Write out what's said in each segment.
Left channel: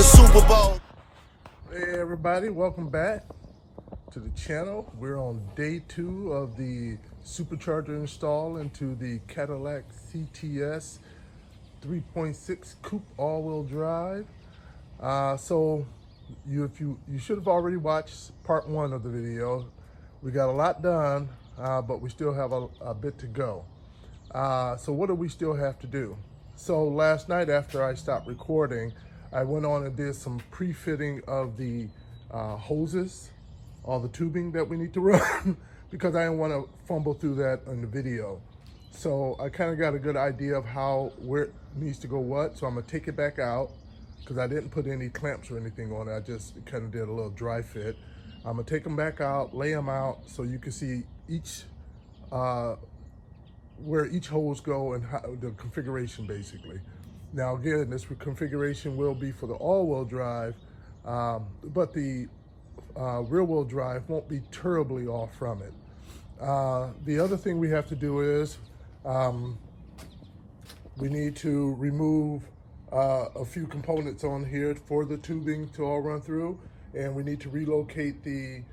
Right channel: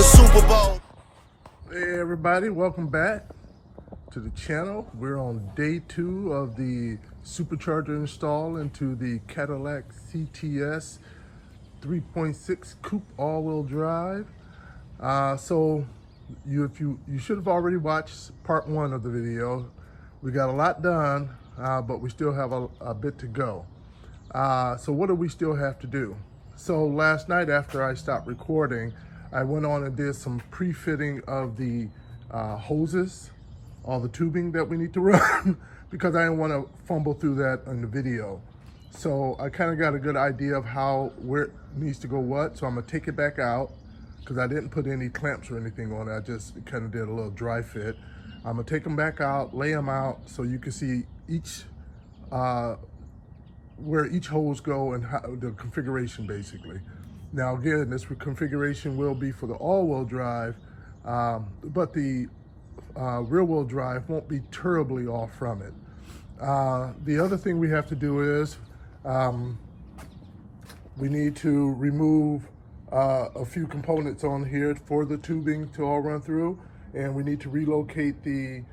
the Super Bowl. Hey everybody, welcome back to the channel. We're on day 2 of the supercharger install into the Cadillac CTS 3.6 coupe all-wheel drive. So you should have already watched part 1 of the video. We got a lot done, but we still have a bit to go. So what do we still have to do? So last night after I stopped recording, I went on and did some pre-fitting of the hoses, all the tubing that we need to run, because I didn't want to fumble through that in the video. So I kind of got a good idea of where it needs to go what. So I'm gonna take it back out because I didn't put any clamps or anything on it. I just kind of did a little dry fit. I'm gonna take them back out, lay them out so you can see each where each hose go and how the configuration basically. Now again, this configuration will be for the all-wheel drive, but the rear-wheel drive won't be terribly off from it. The other thing we have to do is we need to remove a few components on here for the tubing to all run through, and we need to relocate the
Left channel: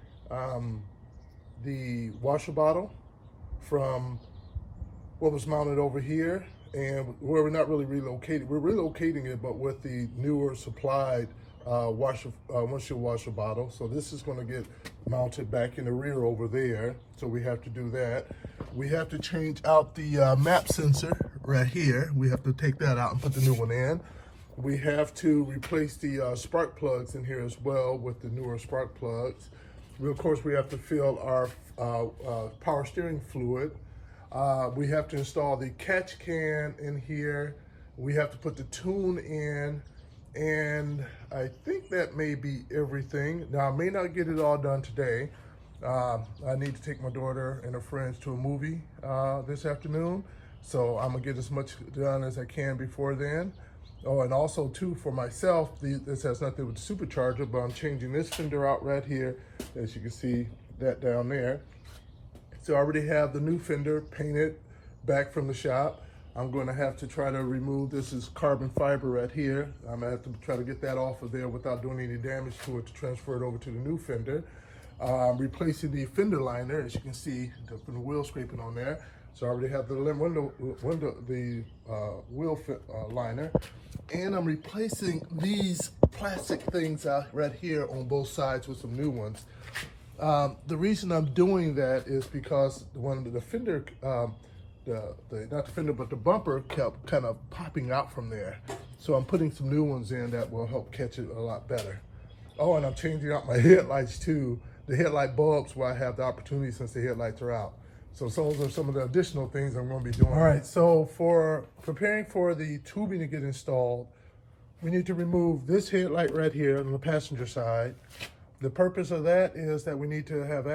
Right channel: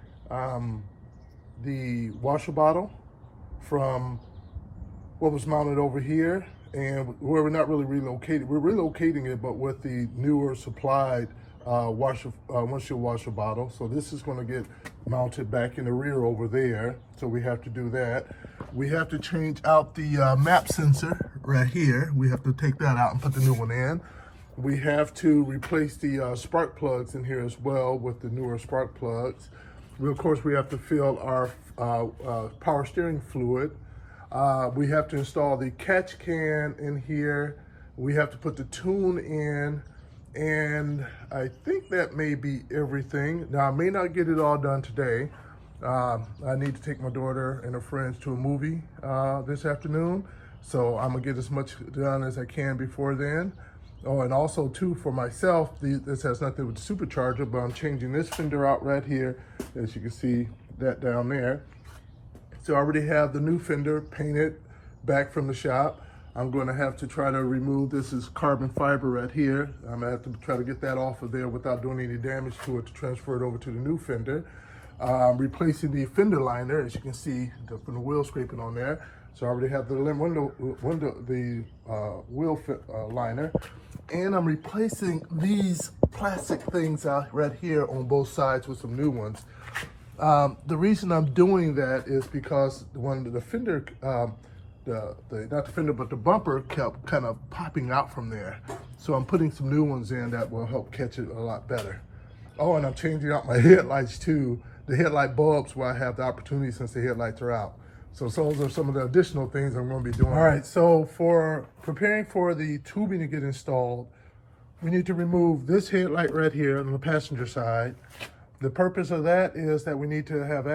washer bottle from what was mounted over here, and we're not really relocating. We're relocating it, but with the newer supplied windshield washer bottle. So this is going to get mounted back in the rear over there. So we have to do that. We have to change out the map sensor right here. We have to take that out and put the new one in. We have to replace the spark plugs in here as well with the newer spark plugs. Of course, we have to fill our power steering fluid. We have to install the catch can in here. We have to put the tune in, and I think that may be everything. Now, I may not get it all done today. I need to take my daughter and her friends to a movie this afternoon, so I'm gonna get as much done as I can before then. Oh, and also too, for myself, this has nothing to do with the supercharger, but I'm changing this fender out right here, as you can see that down there. So I already have the new fender painted back from the shop. I'm going to have to try to remove, this is carbon fiber right here. I'm gonna have to try to get that off of there without doing any damage to it to transfer it over to the new fender. Replacing the fender liner, as you can see from the wheel scraping on there. So I already have the wheel liner. And I'm replacing these plastic things out right here on both sides with some new ones. The reason I'm doing that is because when the fender, not the fender, but the bumper kept kind of popping out from there. So I'm putting some new ones in that will help catch it a lot better. Oh, and I'm changing out my headlights too. The headlight bulbs where I have the opportunity since the headlights are out. So those are some of the additional things I'm going to be doing. All right, so for preparing for the tubing to get installed, we need to remove this headlight right here on the passenger side. The purpose of that is that we need to have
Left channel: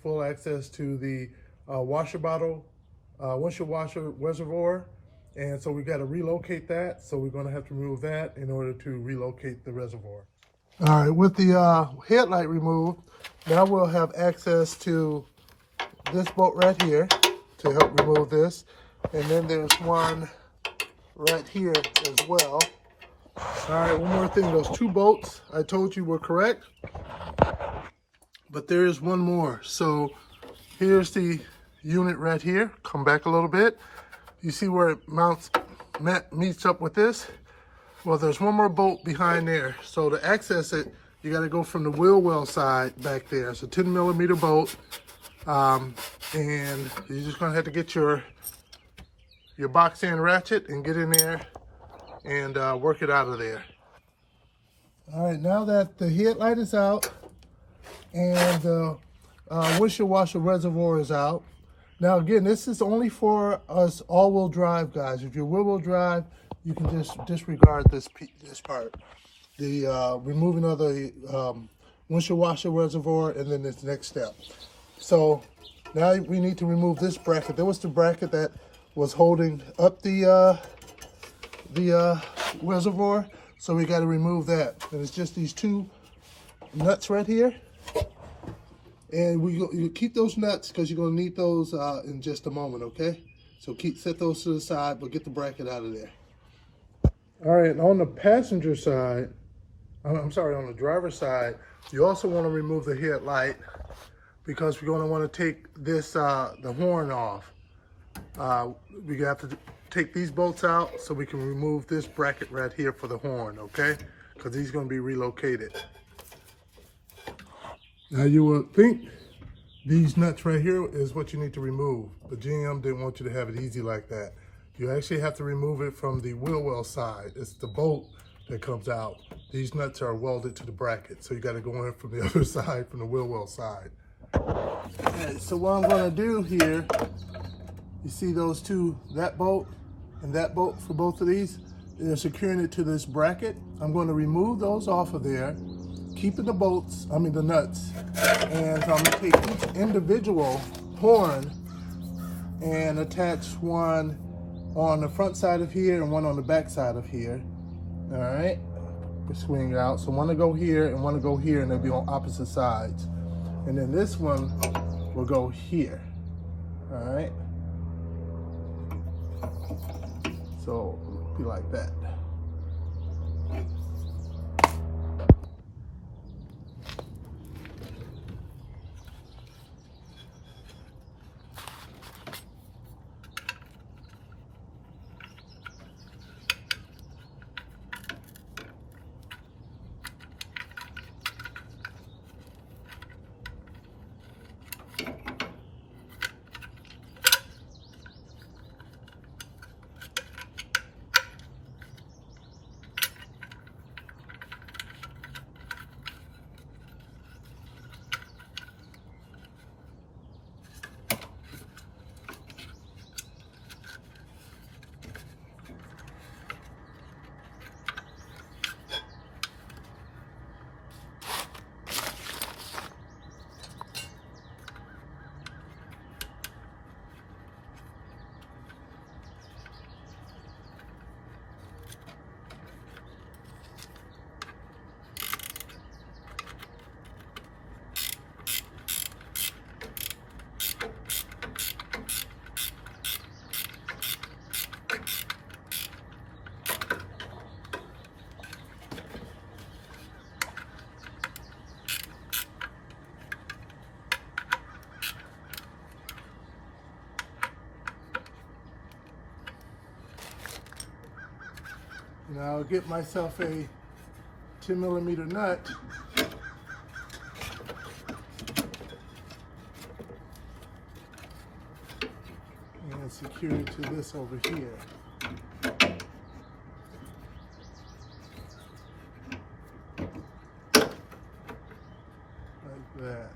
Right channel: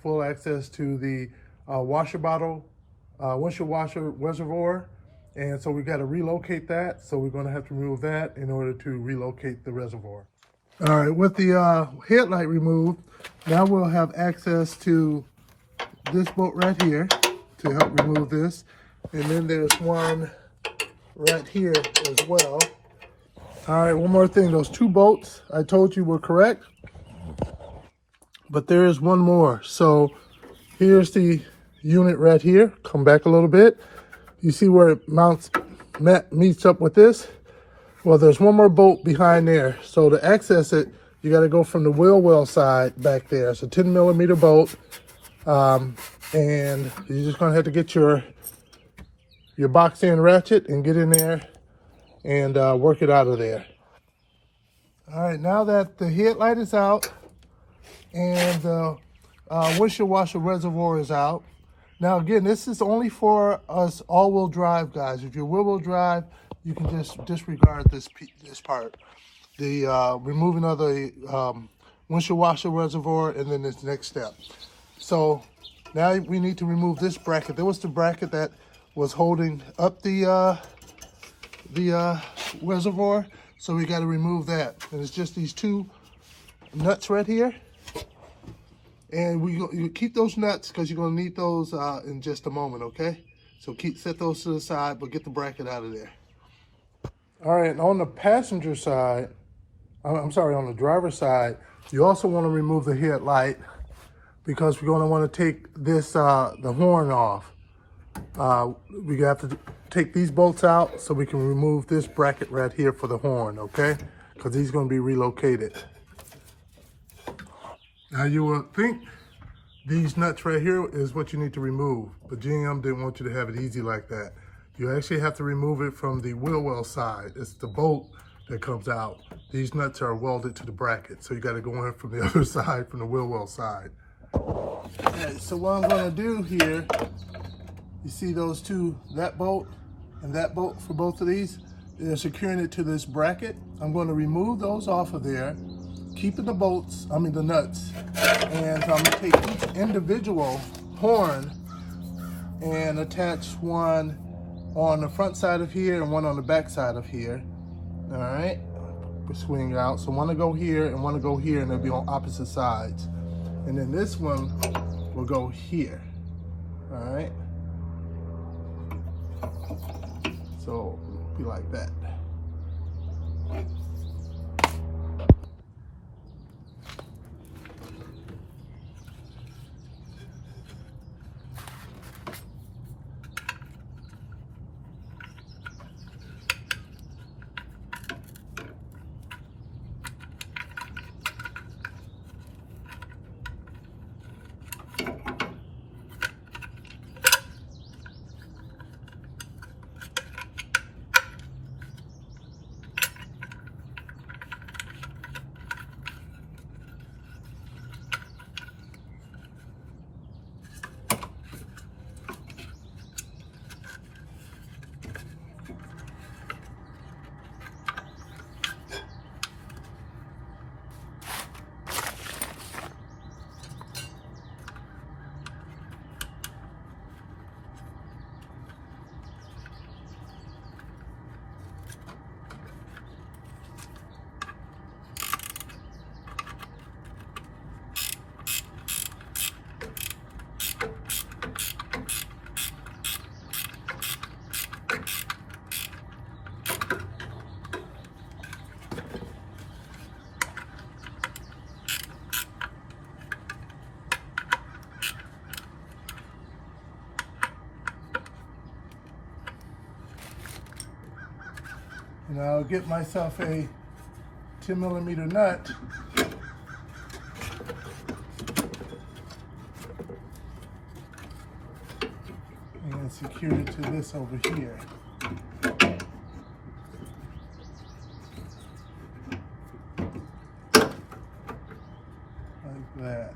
full access to the washer bottle, windshield washer reservoir. And so we got to relocate that. So we're going to have to remove that in order to relocate the reservoir. All right, with the headlight removed, now we'll have access to this bolt right here to help remove this. And then there's one right here as well. All right, one more thing, those 2 bolts I told you were correct. But there is one more. So here's the unit right here. Come back a little bit. You see where it meets up with this? Well, there's one more bolt behind there. So to access it, you got to go from the wheel well side back there. It's a 10mm bolt. And you're just going to have to get your box end ratchet and get in there and work it out of there. All right, now that the headlight is out, and the windshield washer reservoir is out. Now again, this is only for us all-wheel drive guys. If you're wheel-wheel drive, you can just disregard this part. The removing of the windshield washer reservoir, and then this next step. So now we need to remove this bracket. There was the bracket that was holding up the reservoir, so we got to remove that. And it's just these 2 nuts right here. And you keep those nuts because you're going to need those in just a moment, okay? So set those to the side, but get the bracket out of there. All right, and on the passenger side, I'm sorry, on the driver's side, you also want to remove the headlight because we're going to want to take this, the horn off. We have to take these bolts out so we can remove this bracket right here for the horn, okay? Because these going to be relocated. Now you would think these nuts right here is what you need to remove, but GM didn't want you to have it easy like that. You actually have to remove it from the wheel well side. It's the bolt that comes out. These nuts are welded to the bracket, so you got to go in from the other side, from the wheel well side. Okay, so what I'm going to do here, you see those two, that bolt and that bolt for both of these, they're securing it to this bracket. I'm going to remove those off of there, keeping the bolts, the nuts, and I'm going to take each individual horn and attach one on the front side of here and one on the back side of here. All right, we swing it out. So one to go here and one to go here, and they'll be on opposite sides. And then this one will go here. All right. So it'll be like that. And I'll get myself a 10mm nut. And secure it to this over here. Like that.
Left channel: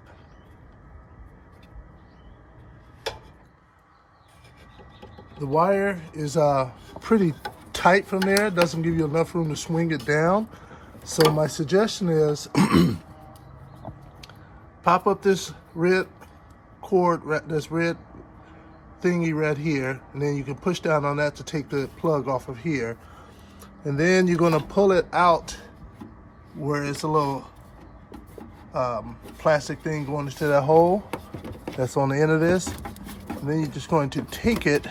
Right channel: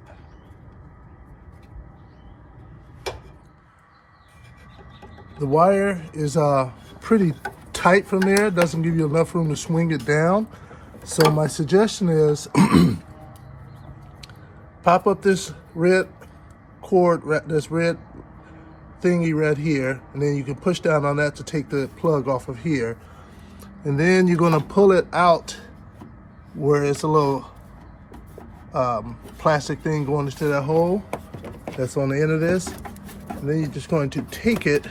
The wire is pretty tight from there. It doesn't give you enough room to swing it down. So my suggestion is pop up this red cord, this red thingy right here, and then you can push down on that to take the plug off of here. And then you're going to pull it out where it's a little plastic thing going into that hole that's on the end of this. And then you're just going to take it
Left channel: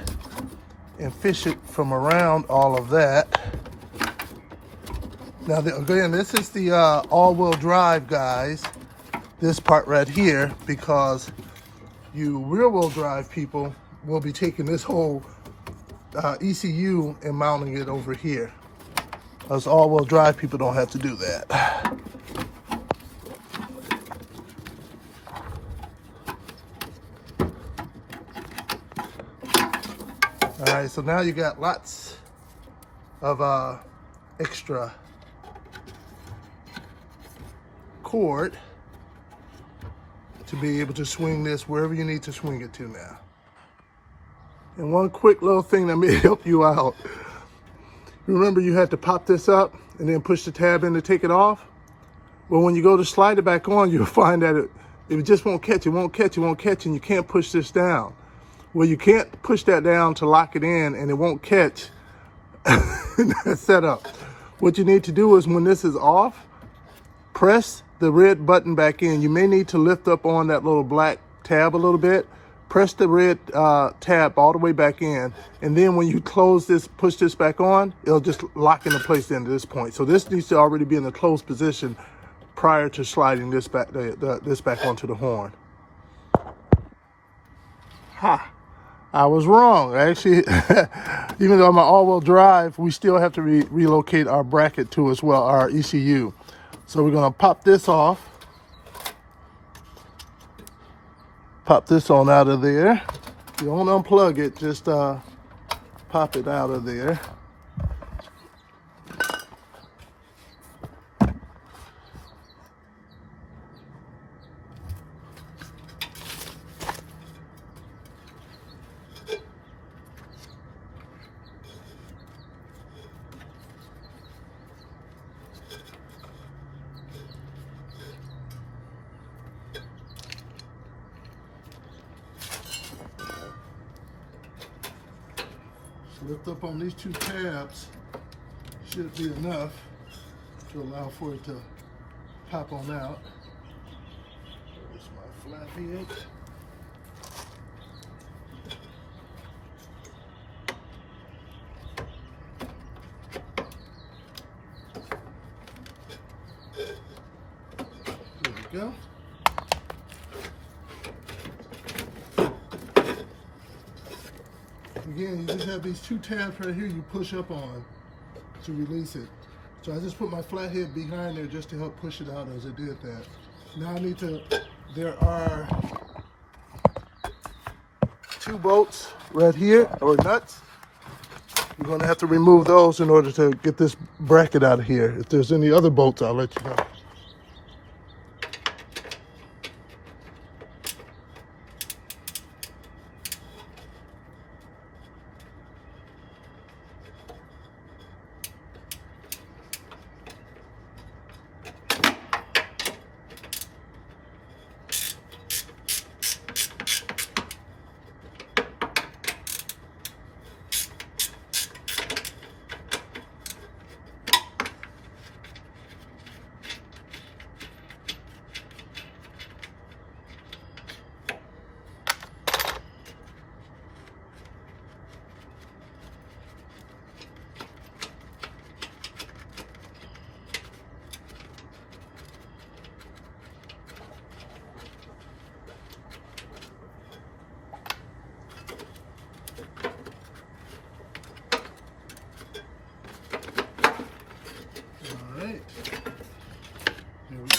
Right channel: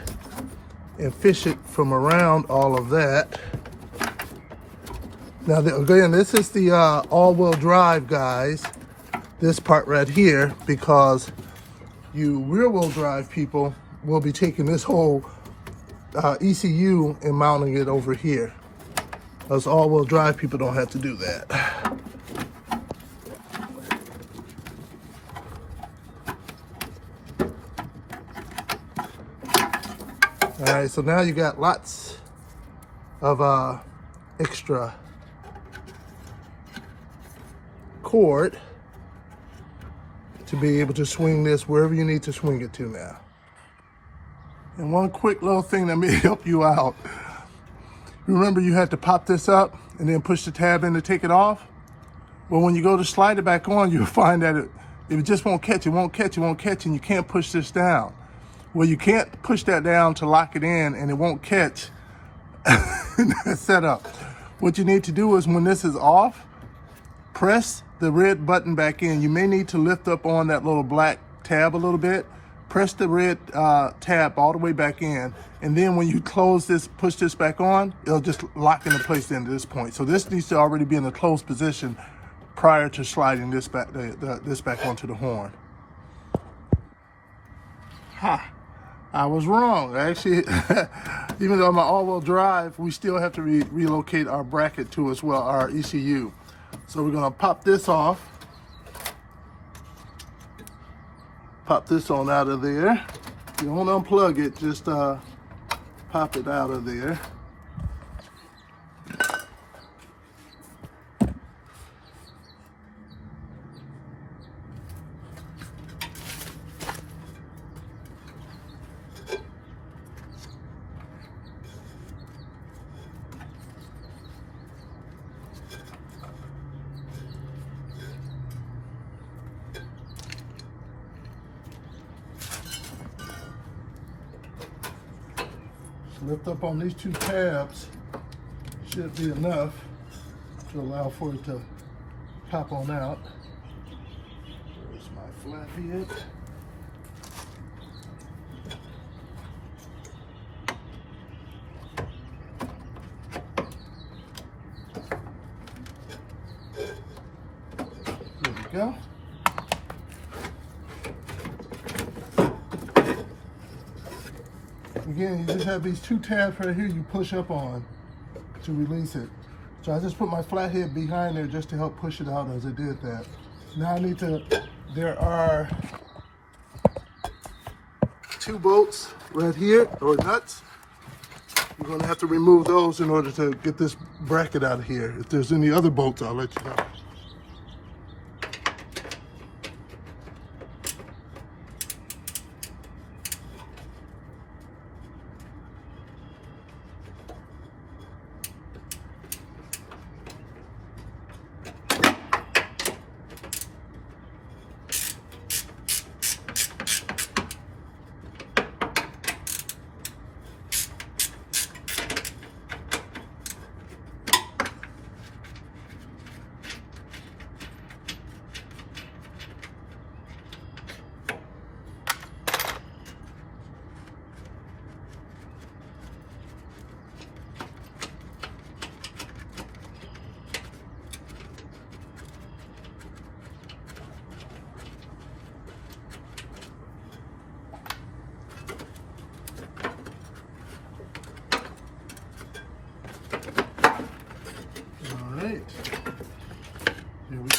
and fish it from around all of that. Now, again, this is the all-wheel drive, guys. This part right here, because you rear-wheel drive people will be taking this whole ECU and mounting it over here. Us all-wheel drive people don't have to do that. All right, so now you got lots of extra cord to be able to swing this wherever you need to swing it to now. And one quick little thing that may help you out. Remember you had to pop this up and then push the tab in to take it off? Well, when you go to slide it back on, you'll find that it just won't catch, and you can't push this down. Well, you can't push that down to lock it in, and it won't catch in that setup. What you need to do is when this is off, press the red button back in. You may need to lift up on that little black tab a little bit press the red tab all the way back in, and then when you close this, push this back on, it'll just lock into place into this point. So this needs to already be in a closed position prior to sliding this back, this back onto the horn. Ha! I was wrong. Actually, even though I'm an all-wheel drive, we still have to relocate our bracket too as well, our ECU. So we're gonna pop this off. Pop this on out of there. You don't unplug it, just pop it out of there. Lift up on these two tabs, should be enough to allow for it to pop on out. There's my flat head. There we go. Again, you just have these two tabs right here you push up on to release it. So I just put my flathead behind there just to help push it out as I did that. Now I need to, there are 2 bolts right here, or nuts. You're gonna have to remove those in order to get this bracket out of here. If there's any other bolts, I'll let you know. There we go.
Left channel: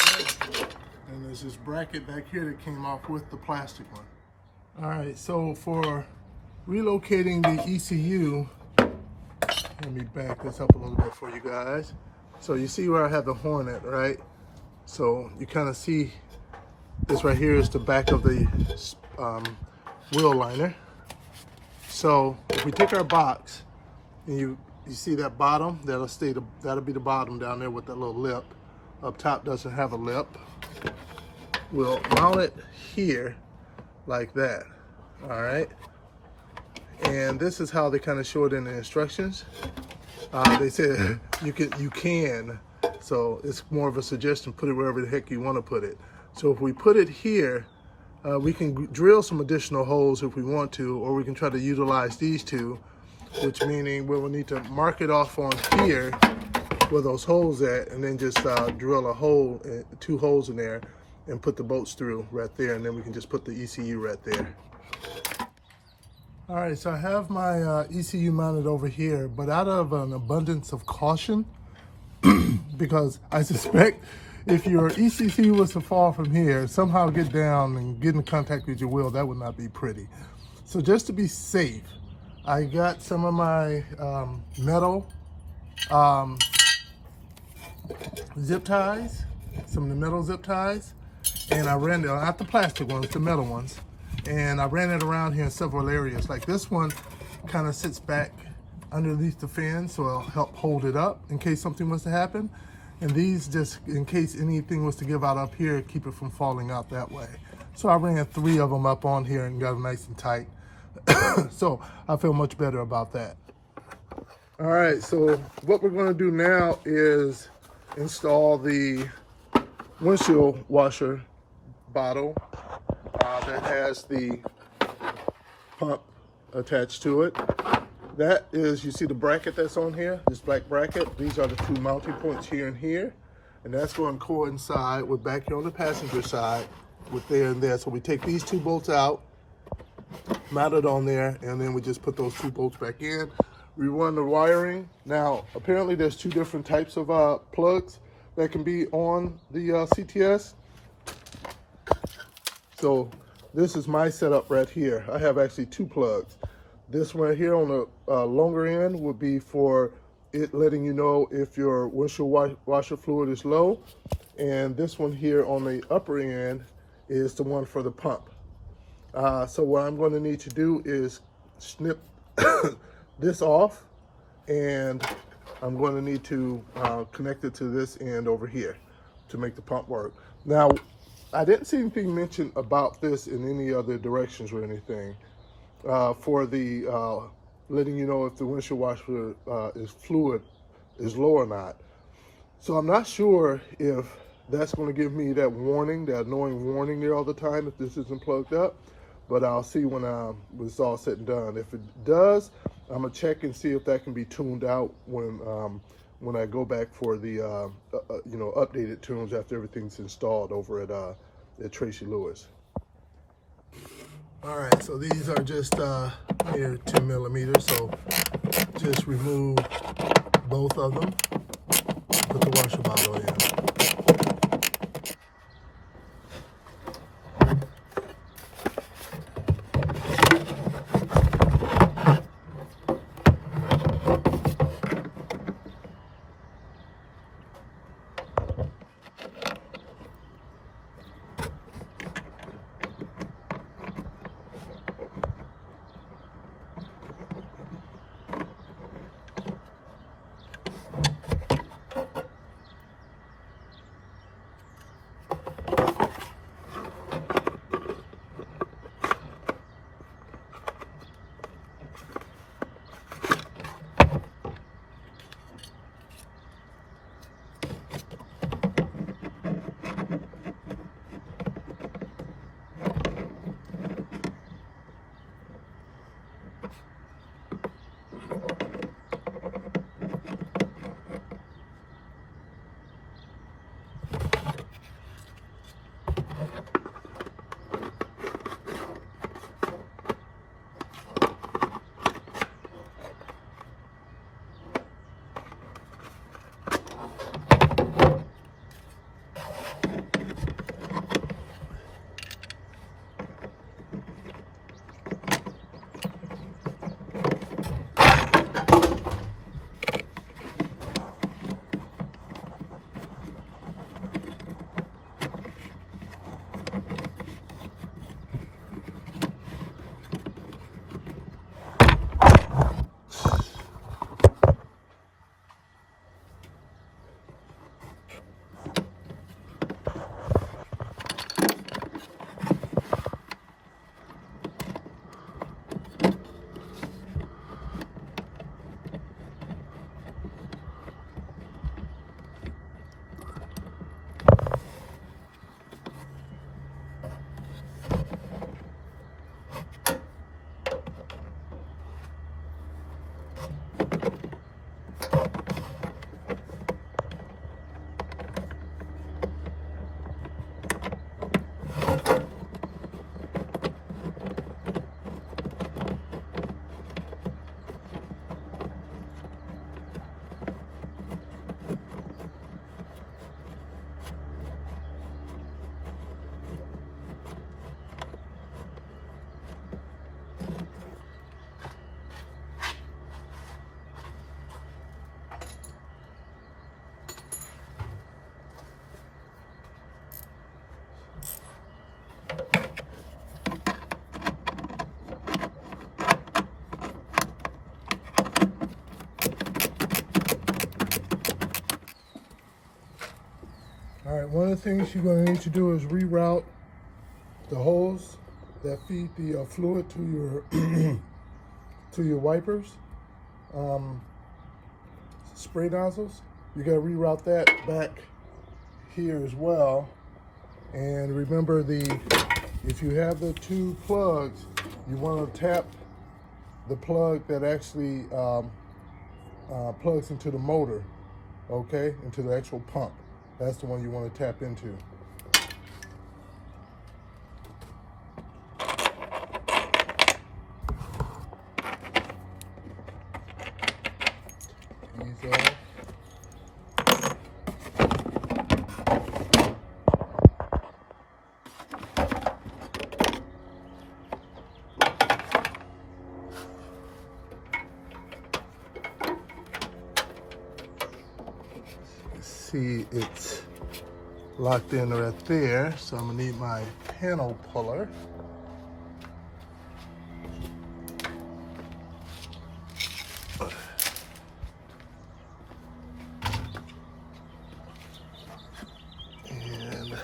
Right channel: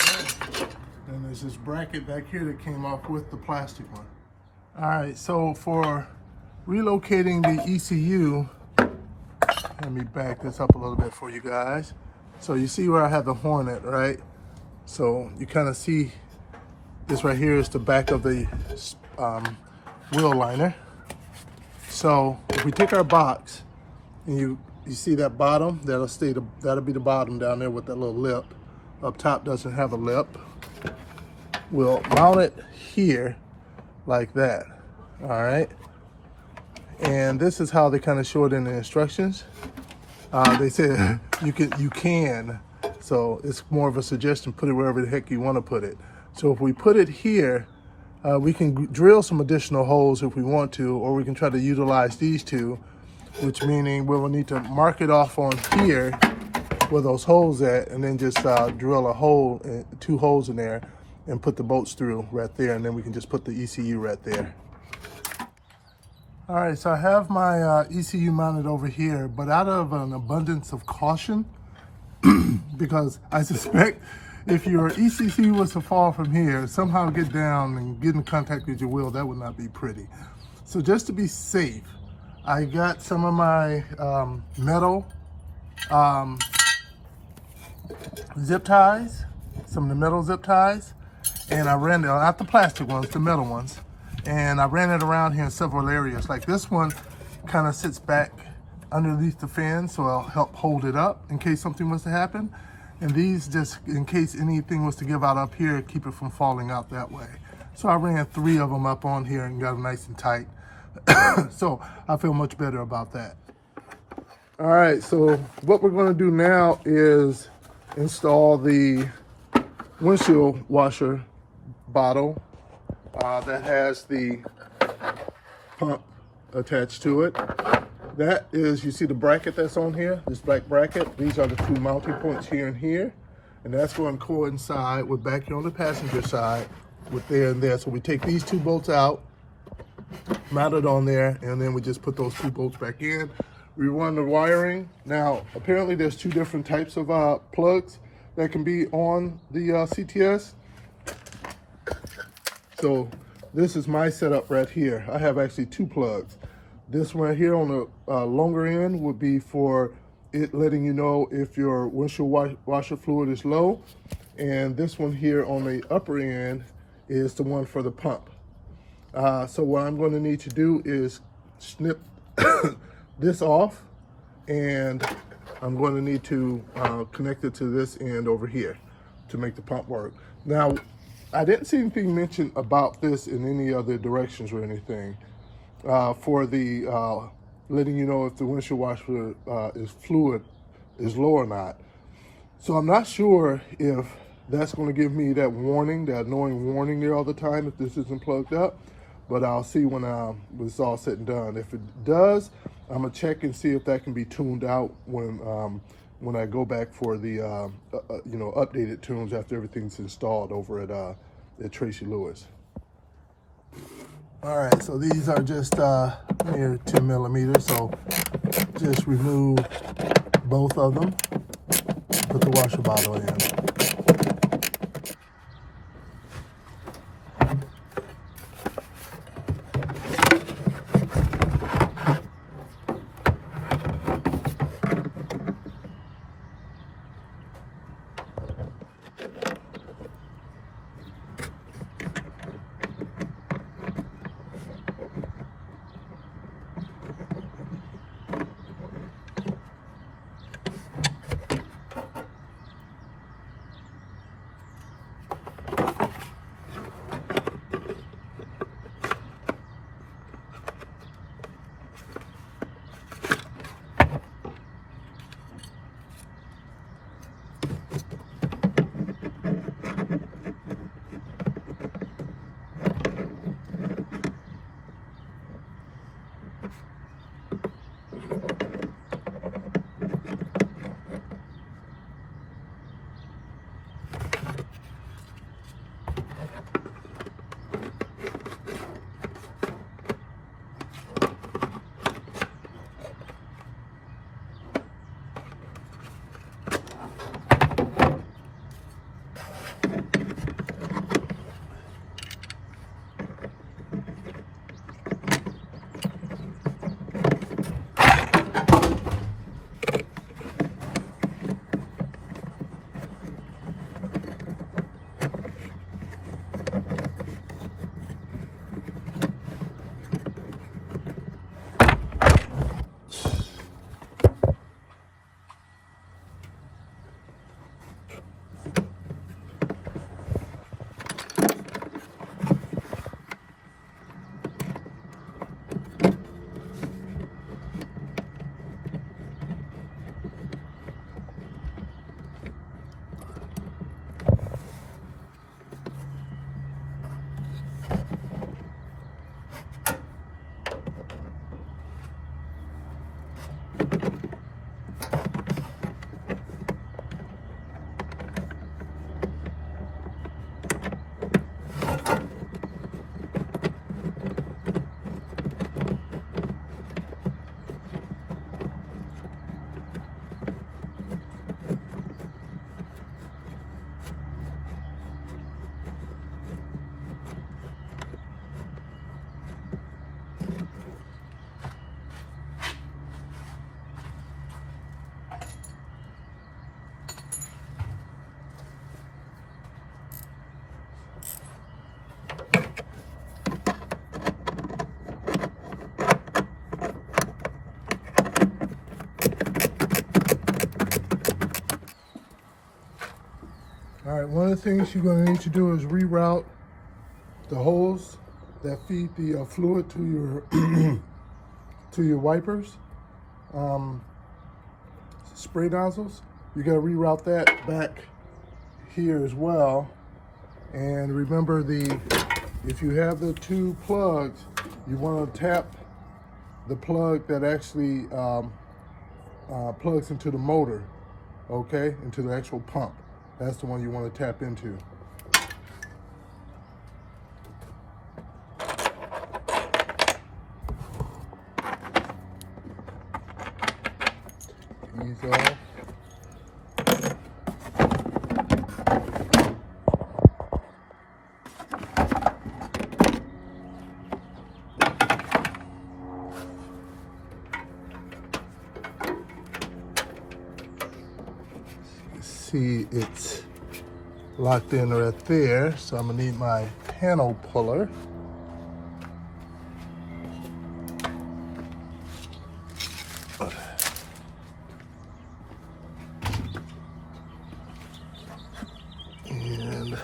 And there's this bracket back here that came off with the plastic one. All right, so for relocating the ECU, let me back this up a little bit for you guys. So you see where I have the horn at, right? So you kind of see this right here is the back of the wheel liner. So if we take our box and you see that bottom, that'll be the bottom down there with that little lip. Up top doesn't have a lip. We'll mount it here like that, all right? And this is how they kind of show it in the instructions. They said you can, so it's more of a suggestion, put it wherever the heck you want to put it. So if we put it here, we can drill some additional holes if we want to, or we can try to utilize these two, which meaning we will need to mark it off on here where those holes at, and then just drill a hole, 2 holes in there, and put the bolts through right there, and then we can just put the ECU right there. All right, so I have my ECU mounted over here, but out of an abundance of caution, because I suspect if your ECU was to fall from here, somehow get down and get in contact with your wheel, that would not be pretty. So just to be safe, I got some of my metal zip ties, some of the metal zip ties, and I ran it, not the plastic ones, the metal ones, and I ran it around here in several areas. Like this one kind of sits back underneath the fan, so it'll help hold it up in case something was to happen. And these just, in case anything was to give out up here, keep it from falling out that way. So I ran 3 of them up on here and got them nice and tight. So I feel much better about that. All right, so what we're gonna do now is install the windshield washer bottle that has the pump attached to it. That is, you see the bracket that's on here, this black bracket. These are the two mounting points here and here. And that's going to coincide with back here on the passenger side with there and there. So we take these two bolts out, mount it on there, and then we just put those two bolts back in. We run the wiring. Now, apparently there's two different types of plugs that can be on the CTS. So this is my setup right here. I have actually two plugs. This one here on the longer end would be for it letting you know if your windshield washer fluid is low. And this one here on the upper end is the one for the pump. So what I'm going to need to do is snip this off, and I'm going to need to connect it to this end over here to make the pump work. Now, I didn't see anything mentioned about this in any other directions or anything for the letting you know if the windshield washer fluid is low or not. So I'm not sure if that's going to give me that warning, that annoying warning there all the time if this isn't plugged up, but I'll see when it's all said and done. If it does, I'm gonna check and see if that can be tuned out when I go back for the updated tunes after everything's installed over at Tracy Lewis. All right, so these are just near 10 millimeters, so just remove both of them, put the washer bottle in. All right, one of the things you're going to need to do is reroute the hose that feed the fluid to your to your wipers, spray nozzles. You got to reroute that back here as well. And remember, if you have the two plugs, you want to tap the plug that actually plugs into the motor, okay, into the actual pump. That's the one you want to tap into. Ease off. See, it's locked in right there, so I'm gonna need my panel puller. And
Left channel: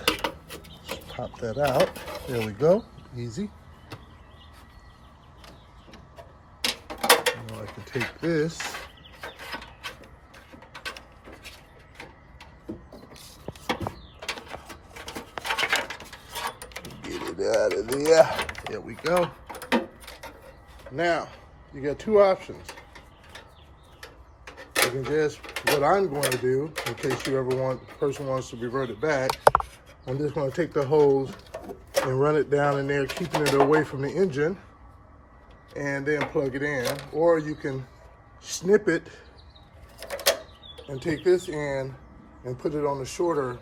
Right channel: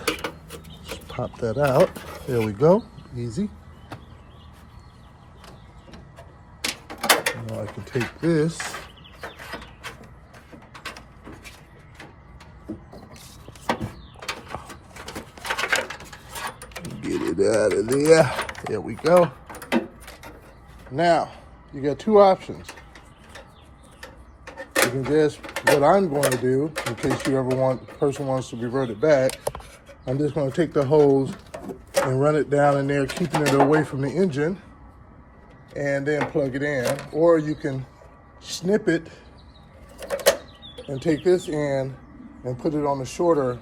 pop that out. There we go, easy. Now I can take this. Get it out of there. There we go. Now, you got two options. You can just, what I'm going to do, in case you ever want, the person wants to revert it back, I'm just going to take the hose and run it down in there, keeping it away from the engine, and then plug it in. Or you can snip it and take this in and put it on the shorter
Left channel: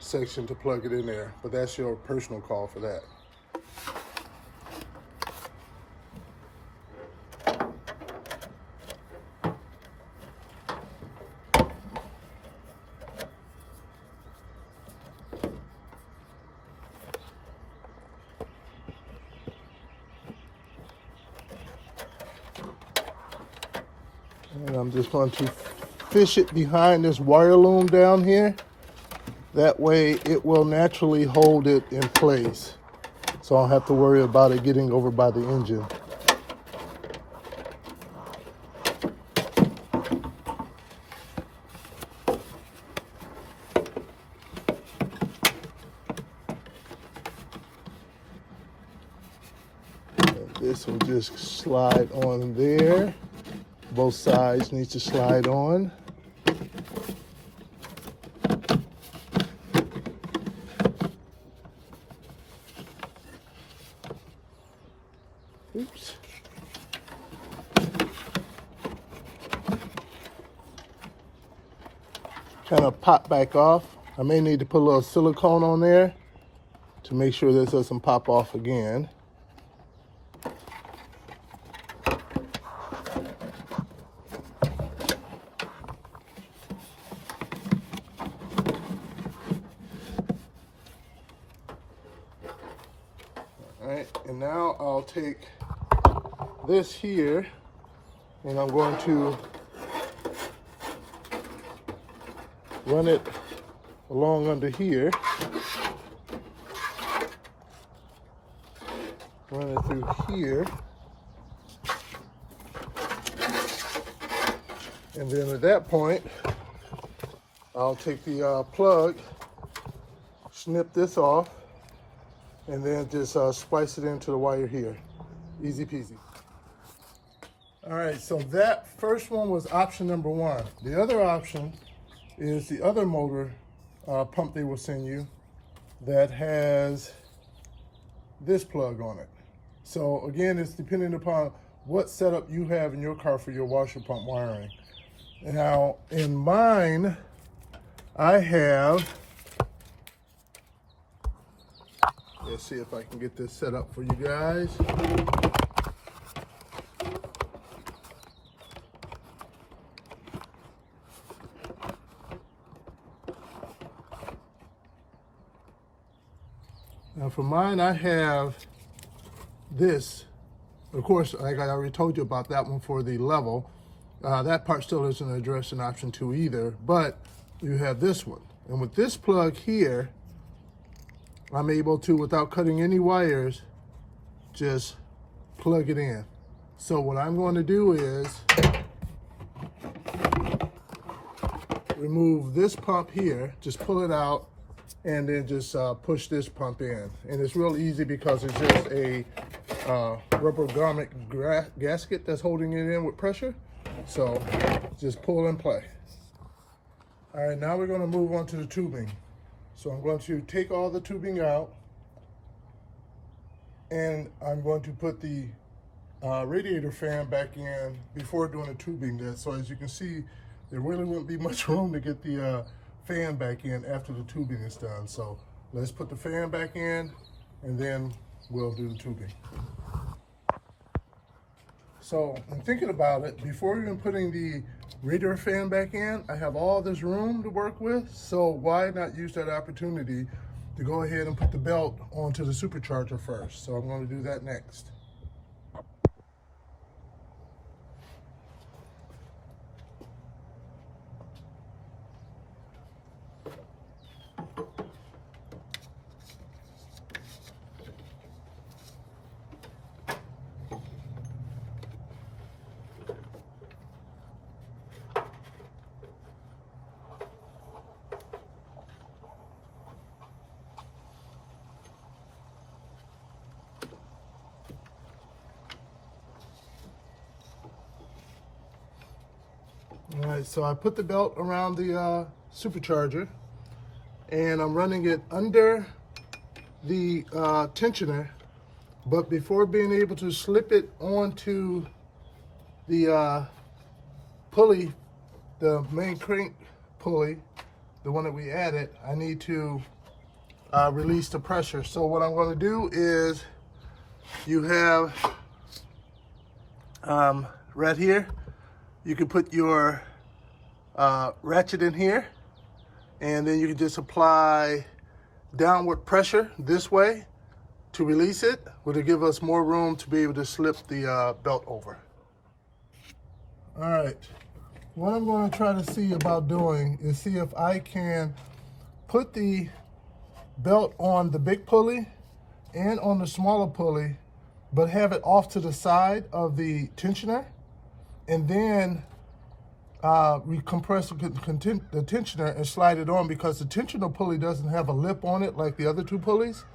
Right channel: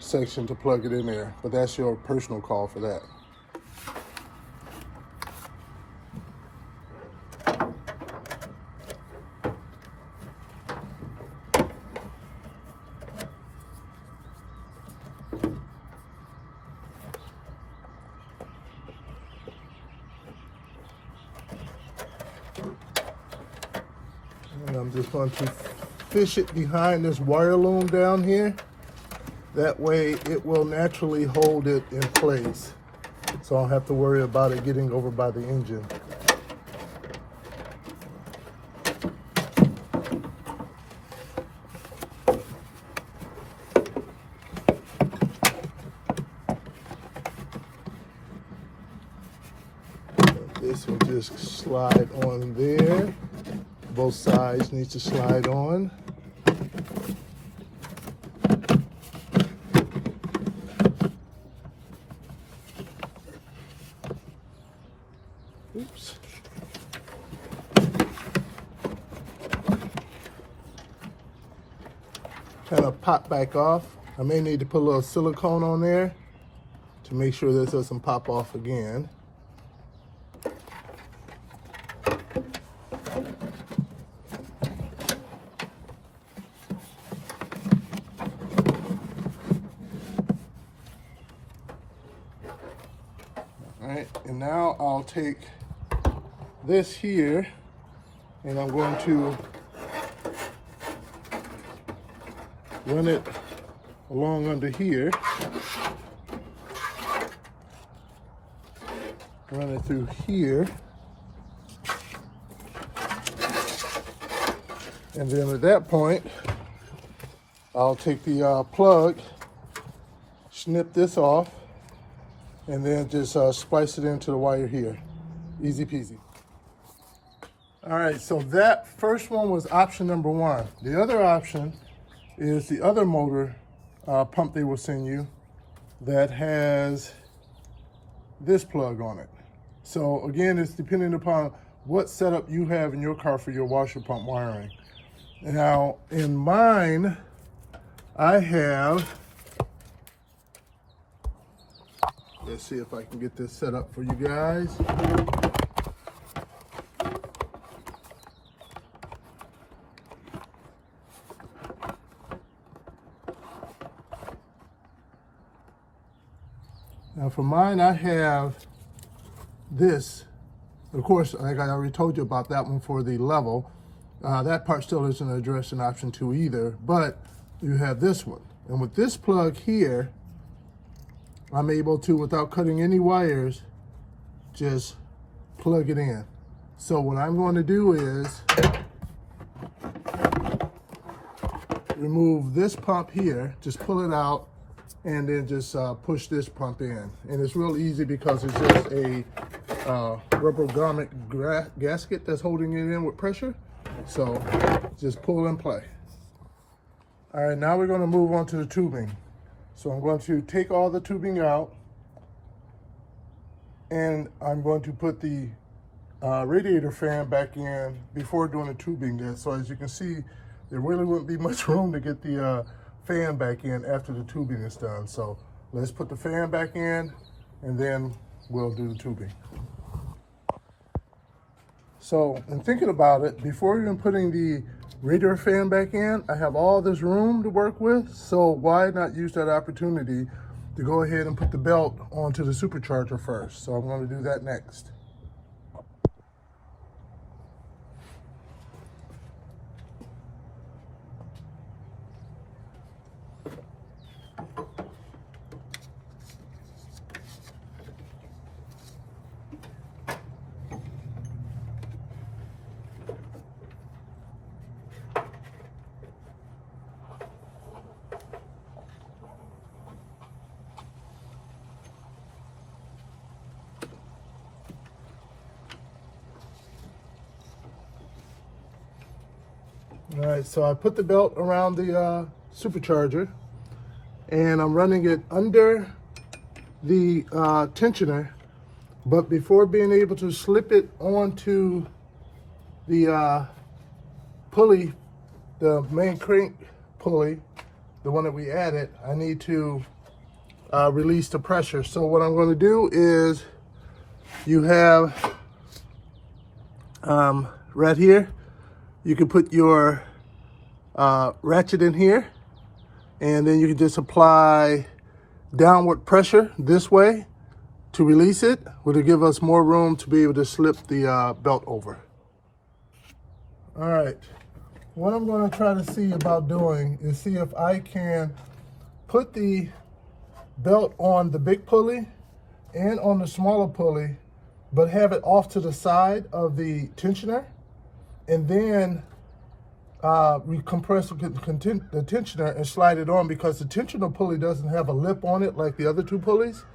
section to plug it in there, but that's your personal call for that. And I'm just going to fish it behind this wire loom down here. That way it will naturally hold it in place, so I don't have to worry about it getting over by the engine. This will just slide on there. Both sides need to slide on. Oops. Kind of pop back off. I may need to put a little silicone on there to make sure this doesn't pop off again. All right, and now I'll take this here and I'm going to run it along under here. Run it through here. And then at that point, I'll take the plug, snip this off, and then just splice it into the wire here. Easy peasy. All right, so that first one was option number one. The other option is the other motor pump they will send you that has this plug on it. So again, it's depending upon what setup you have in your car for your washer pump wiring. Now, in mine, I have, let's see if I can get this set up for you guys. Now for mine, I have this. Of course, like I already told you about that one for the level. That part still isn't addressed in option 2 either, but you have this one. And with this plug here, I'm able to, without cutting any wires, just plug it in. So what I'm going to do is remove this pump here, just pull it out, and then just push this pump in. And it's real easy because it's just a rubber garment gasket that's holding it in with pressure. So just pull and play. All right, now we're going to move on to the tubing. So I'm going to take all the tubing out, and I'm going to put the radiator fan back in before doing the tubing. So as you can see, there really wouldn't be much room to get the fan back in after the tubing is done. So let's put the fan back in, and then we'll do the tubing. So in thinking about it, before even putting the radiator fan back in, I have all this room to work with. So why not use that opportunity to go ahead and put the belt onto the supercharger first? So I'm going to do that next. All right, so I put the belt around the supercharger, and I'm running it under the tensioner, but before being able to slip it onto the pulley, the main crank pulley, the one that we added, I need to release the pressure. So what I'm going to do is, you have right here, you can put your ratchet in here, and then you can just apply downward pressure this way to release it, which will give us more room to be able to slip the belt over. All right, what I'm going to try to see about doing is see if I can put the belt on the big pulley and on the smaller pulley, but have it off to the side of the tensioner, and then recompress the tensioner and slide it on, because the tensioner pulley doesn't have a lip on it like the other two pulleys.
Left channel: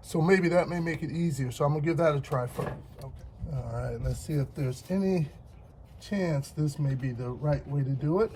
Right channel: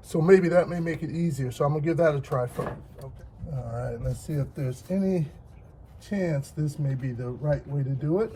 So maybe that may make it easier. So I'm gonna give that a try first. Okay. All right, let's see if there's any chance this may be the right way to do it.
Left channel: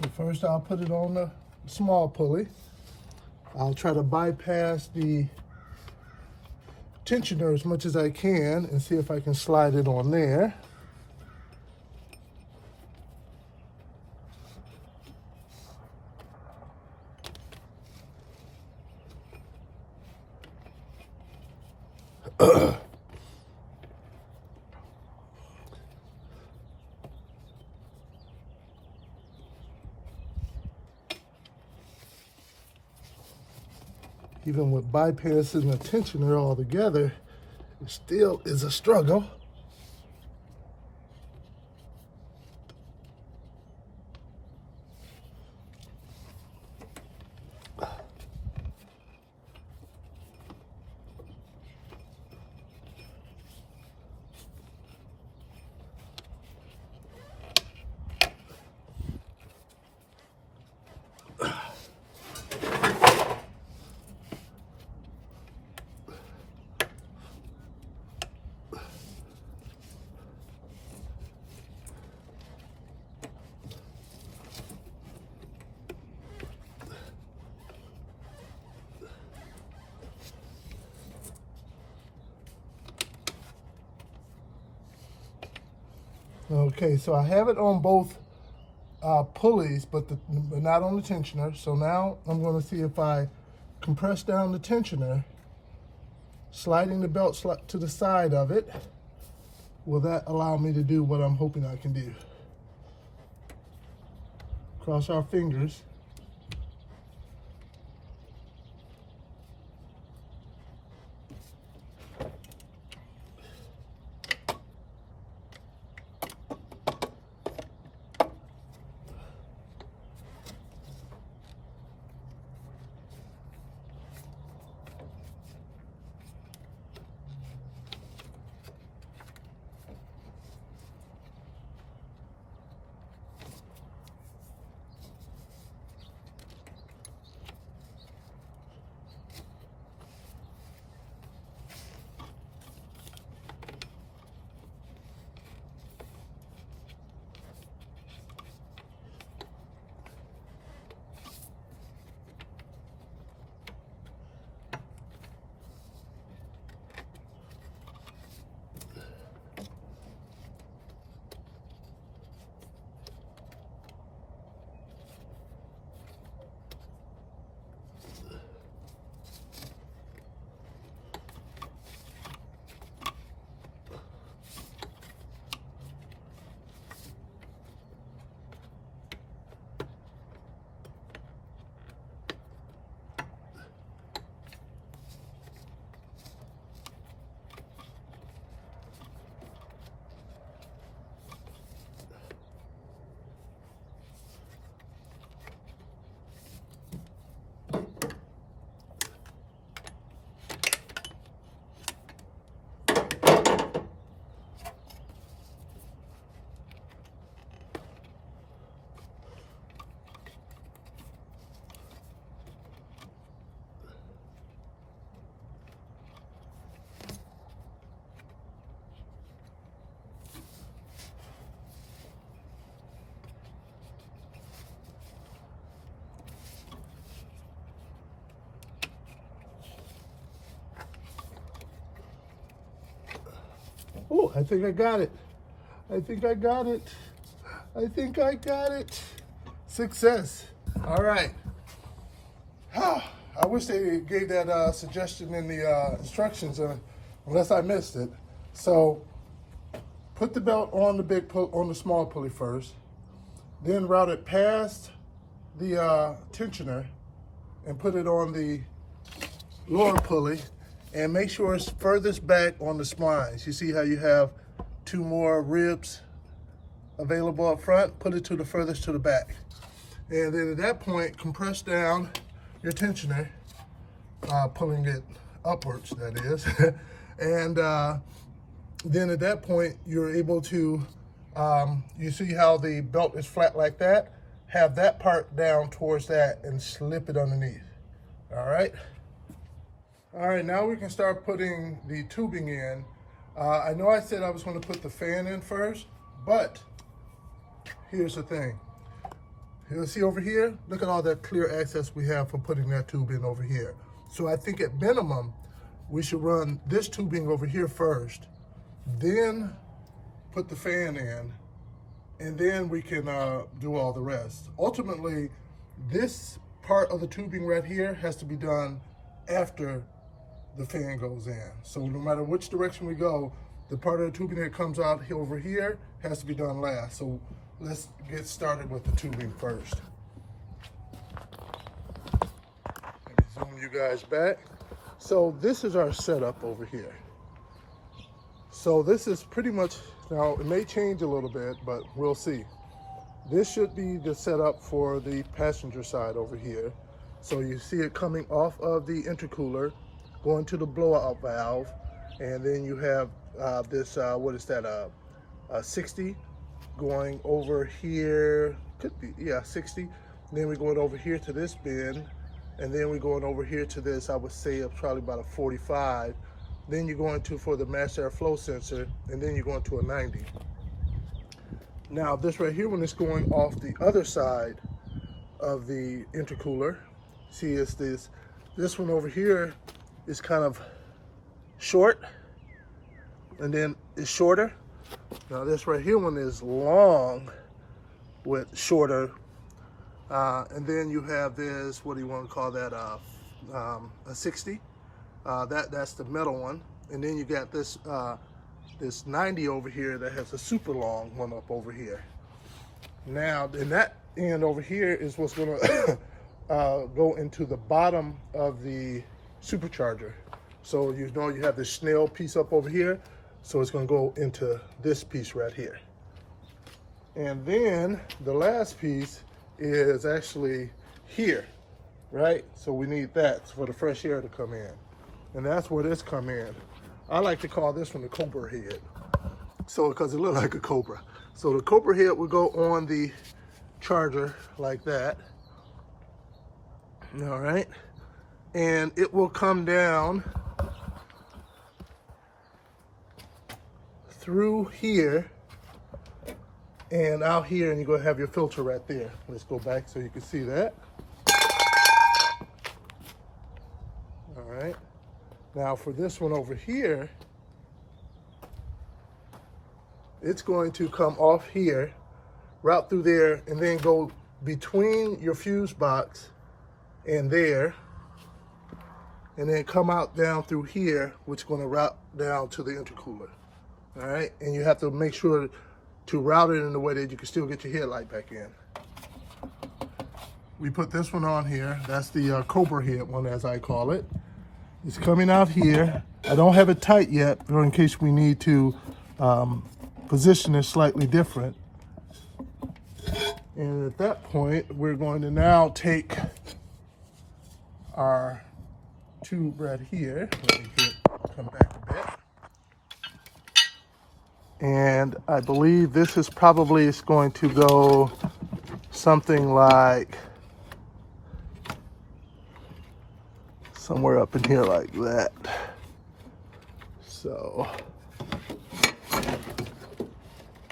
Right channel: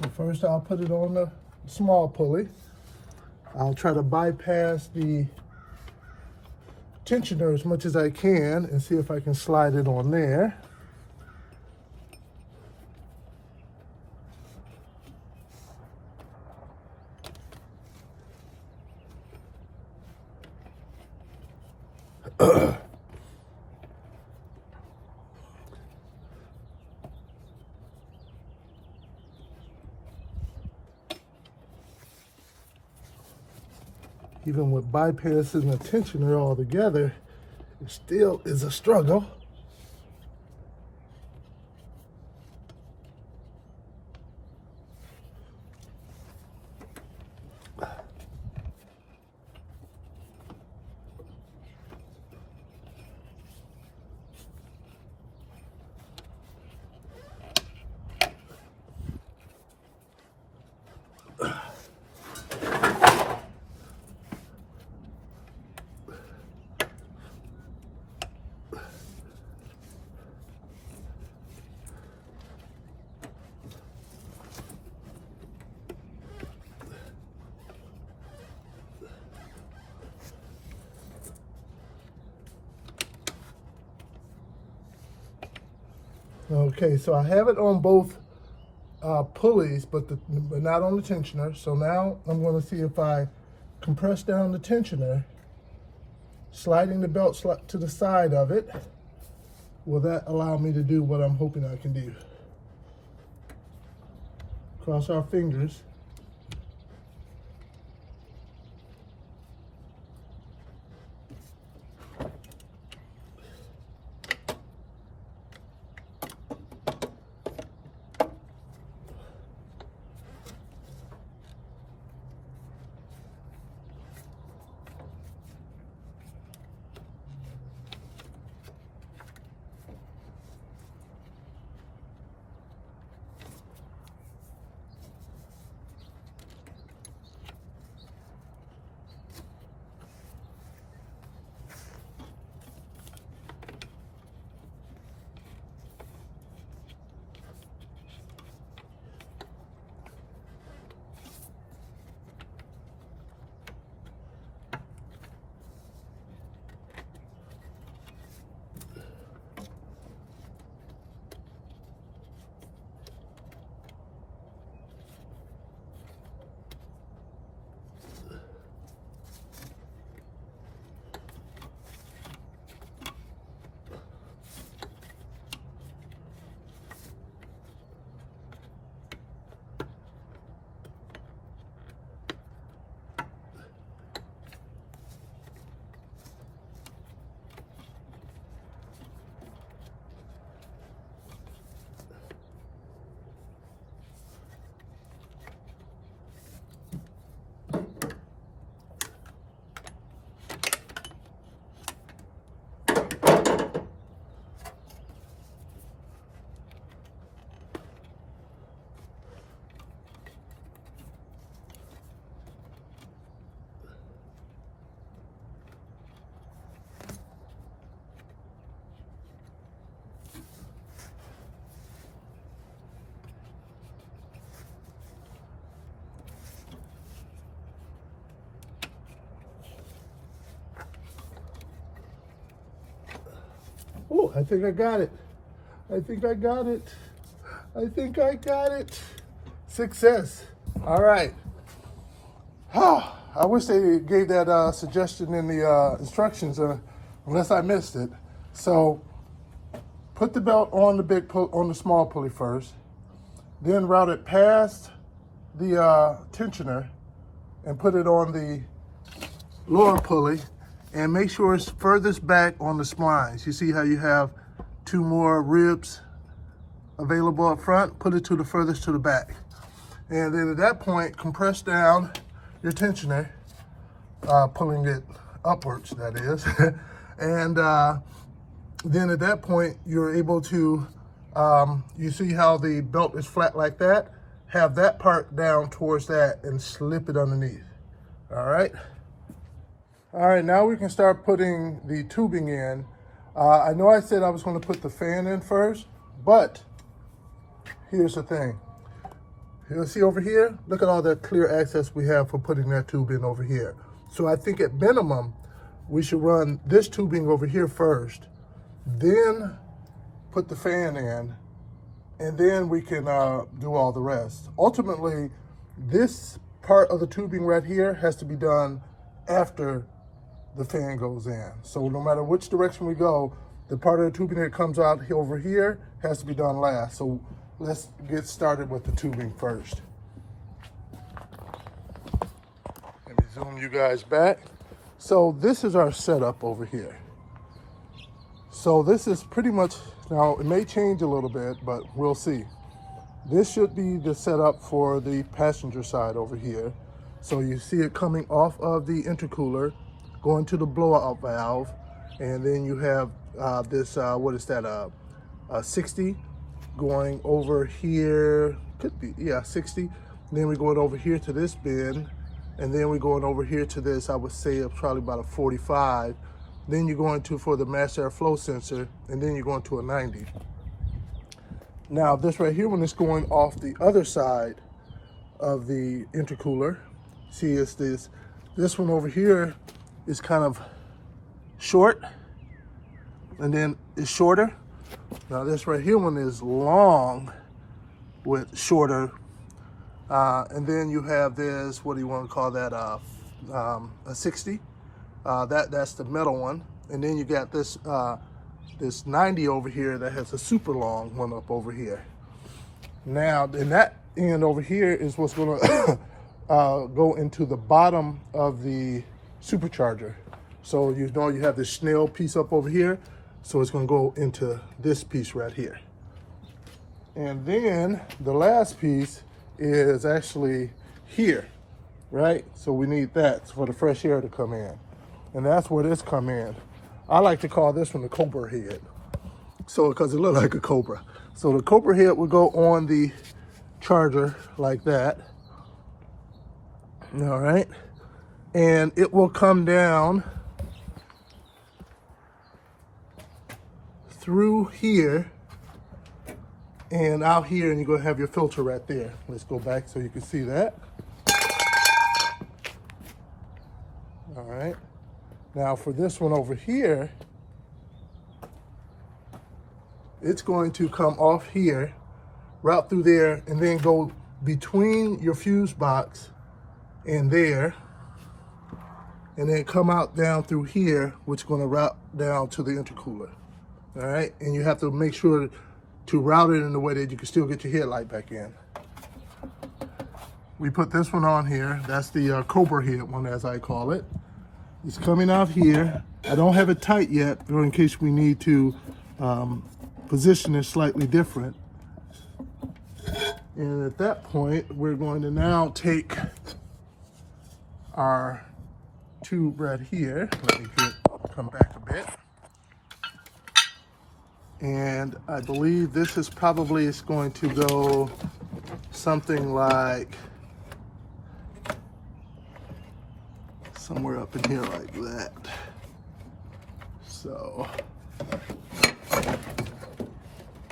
So first I'll put it on the small pulley. I'll try to bypass the tensioner as much as I can and see if I can slide it on there. Even with bypassing the tensioner altogether, it still is a struggle. Okay, so I have it on both pulleys, but not on the tensioner. So now I'm going to see if I compress down the tensioner, sliding the belt to the side of it. Will that allow me to do what I'm hoping I can do? Cross our fingers. Oh, I think I got it. I think I got it. I think I got it. Success. All right. I wish they gave that suggestion in the instructions, unless I missed it. So, put the belt on the small pulley first, then route it past the tensioner and put it on the lower pulley, and make sure it's furthest back on the splines. You see how you have 2 more ribs available up front? Put it to the furthest to the back. And then at that point, compress down your tensioner, pulling it upwards, that is. And then at that point, you're able to, you see how the belt is flat like that? Have that part down towards that and slip it underneath. All right? All right, now we can start putting the tubing in. I know I said I was going to put the fan in first, but here's the thing. You'll see over here, look at all that clear access we have for putting that tube in over here. So I think at minimum, we should run this tubing over here first, then put the fan in, and then we can do all the rest. Ultimately, this part of the tubing right here has to be done after the fan goes in. So no matter which direction we go, the part of the tubing that comes out over here has to be done last. So let's get started with the tubing first. Let me zoom you guys back. So this is our setup over here. So this is pretty much, now it may change a little bit, but we'll see. This should be the setup for the passenger side over here. So you see it coming off of the intercooler, going to the blowout valve, and then you have this, what is that, 60 going over here, could be, yeah, 60. Then we're going over here to this bin, and then we're going over here to this, I would say probably about a 45. Then you're going to for the mass airflow sensor, and then you're going to a 90. Now this right here, when it's going off the other side of the intercooler, see it's this one over here is kind of short, and then it's shorter. Now this right here one is long with shorter, and then you have this, what do you want to call that, a 60. That's the metal one, and then you got this this 90 over here that has a super long one up over here. Now, in that end over here is what's going to go into the bottom of the supercharger. So you know you have this snail piece up over here, so it's going to go into this piece right here. And then the last piece is actually here, right? So we need that for the fresh air to come in. And that's where this come in. I like to call this one the cobra head. So, because it looks like a cobra. So the cobra head will go on the charger like that. All right. And it will come down through here and out here, and you're going to have your filter right there. Let's go back so you can see that. All right. Now for this one over here, it's going to come off here, route through there, and then go between your fuse box and there, and then come out down through here, which is going to route down to the intercooler. All right, and you have to make sure to route it in a way that you can still get your headlight back in. We put this one on here. That's the cobra head one, as I call it. It's coming out here. I don't have it tight yet, or in case we need to position it slightly different. And at that point, we're going to now take our tube right here. Let me come back a bit. And I believe this is probably going to go something like somewhere up in here like that. So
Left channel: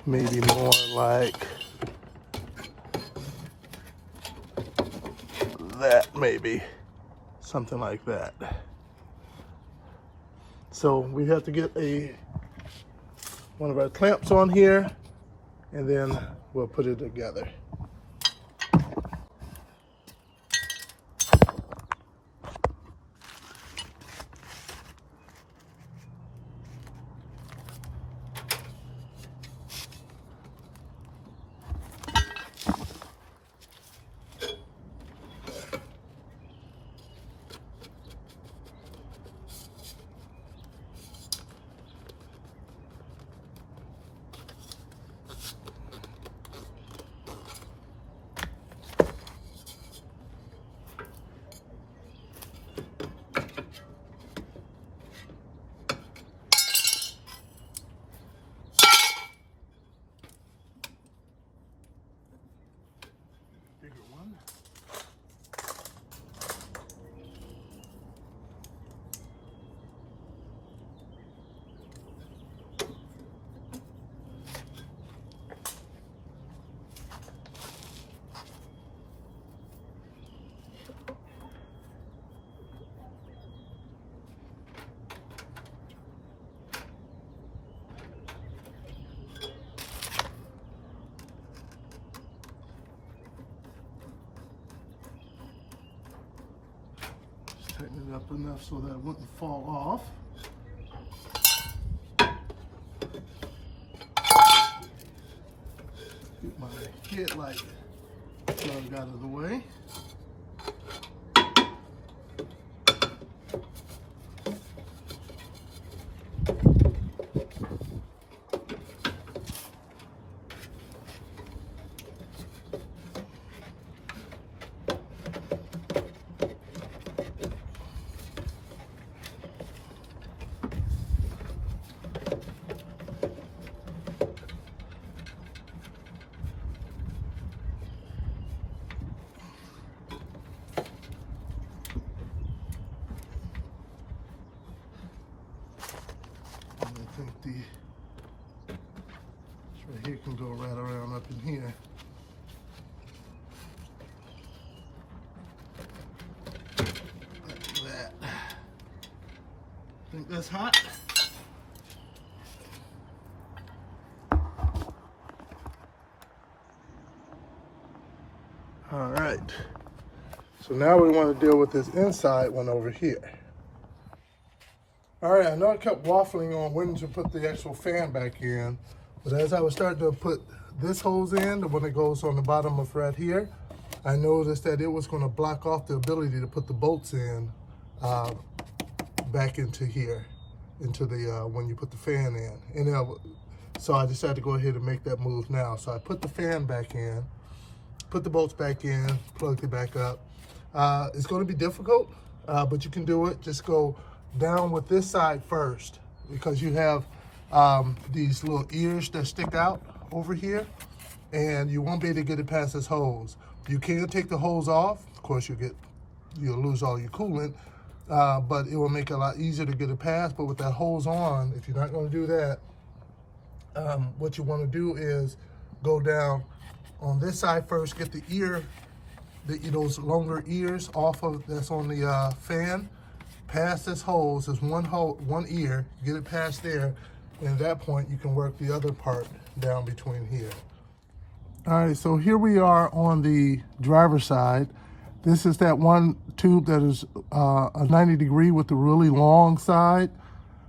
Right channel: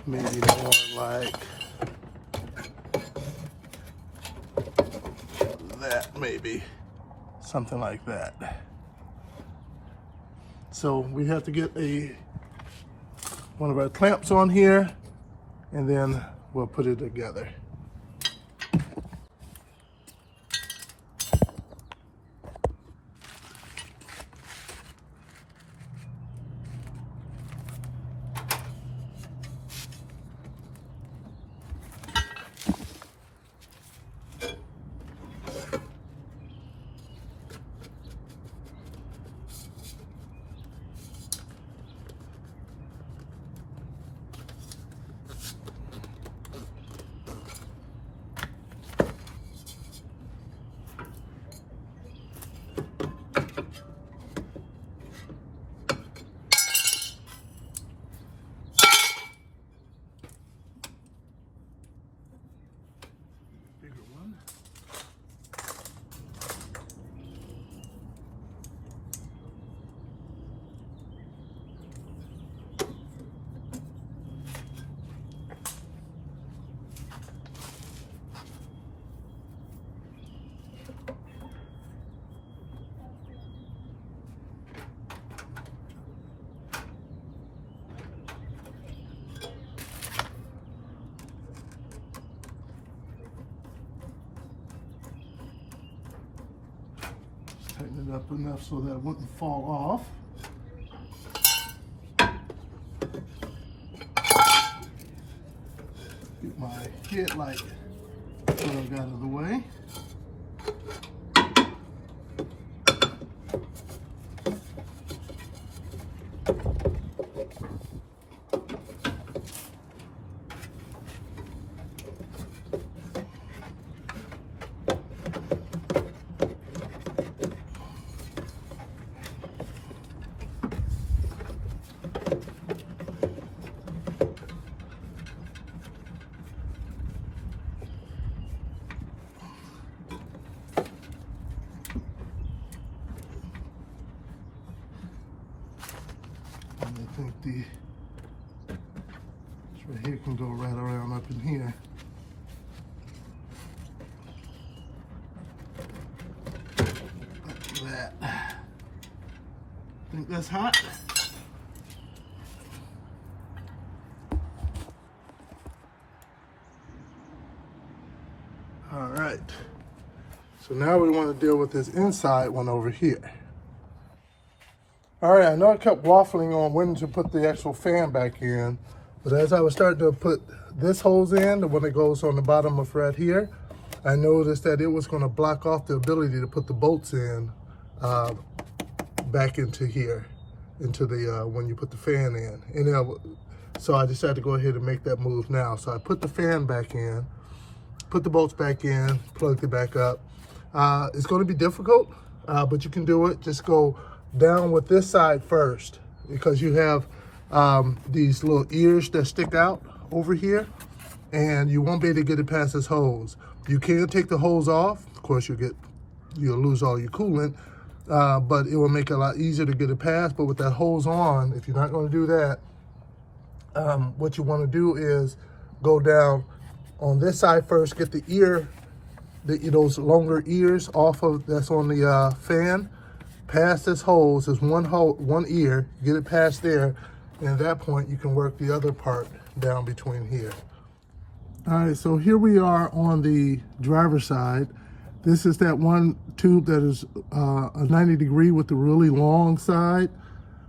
maybe more like that, maybe something like that. So we have to get a one of our clamps on here, and then we'll put it together. Tighten it up enough so that it wouldn't fall off. Get my headlight plug out of the way. I think this right here can go right around up in here. Like that. Think that's hot? All right. So now we want to deal with this inside one over here. All right, I know I kept waffling on when to put the actual fan back in, but as I was starting to put this hose in, the one that goes on the bottom of right here, I noticed that it was going to block off the ability to put the bolts in back into here, into the when you put the fan in. And so I decided to go ahead and make that move now. So I put the fan back in, put the bolts back in, plugged it back up. It's going to be difficult, but you can do it. Just go down with this side first, because you have these little ears that stick out over here, and you won't be able to get it past this hose. You can take the hose off. Of course, you'll lose all your coolant, but it will make it a lot easier to get it past. But with that hose on, if you're not going to do that, what you want to do is go down on this side first, get the ear, those longer ears off of that's on the fan. Past this hose, there's one ear, get it past there, and at that point you can work the other part down between here. All right, so here we are on the driver's side. This is that one tube that is a 90 degree with the really long side.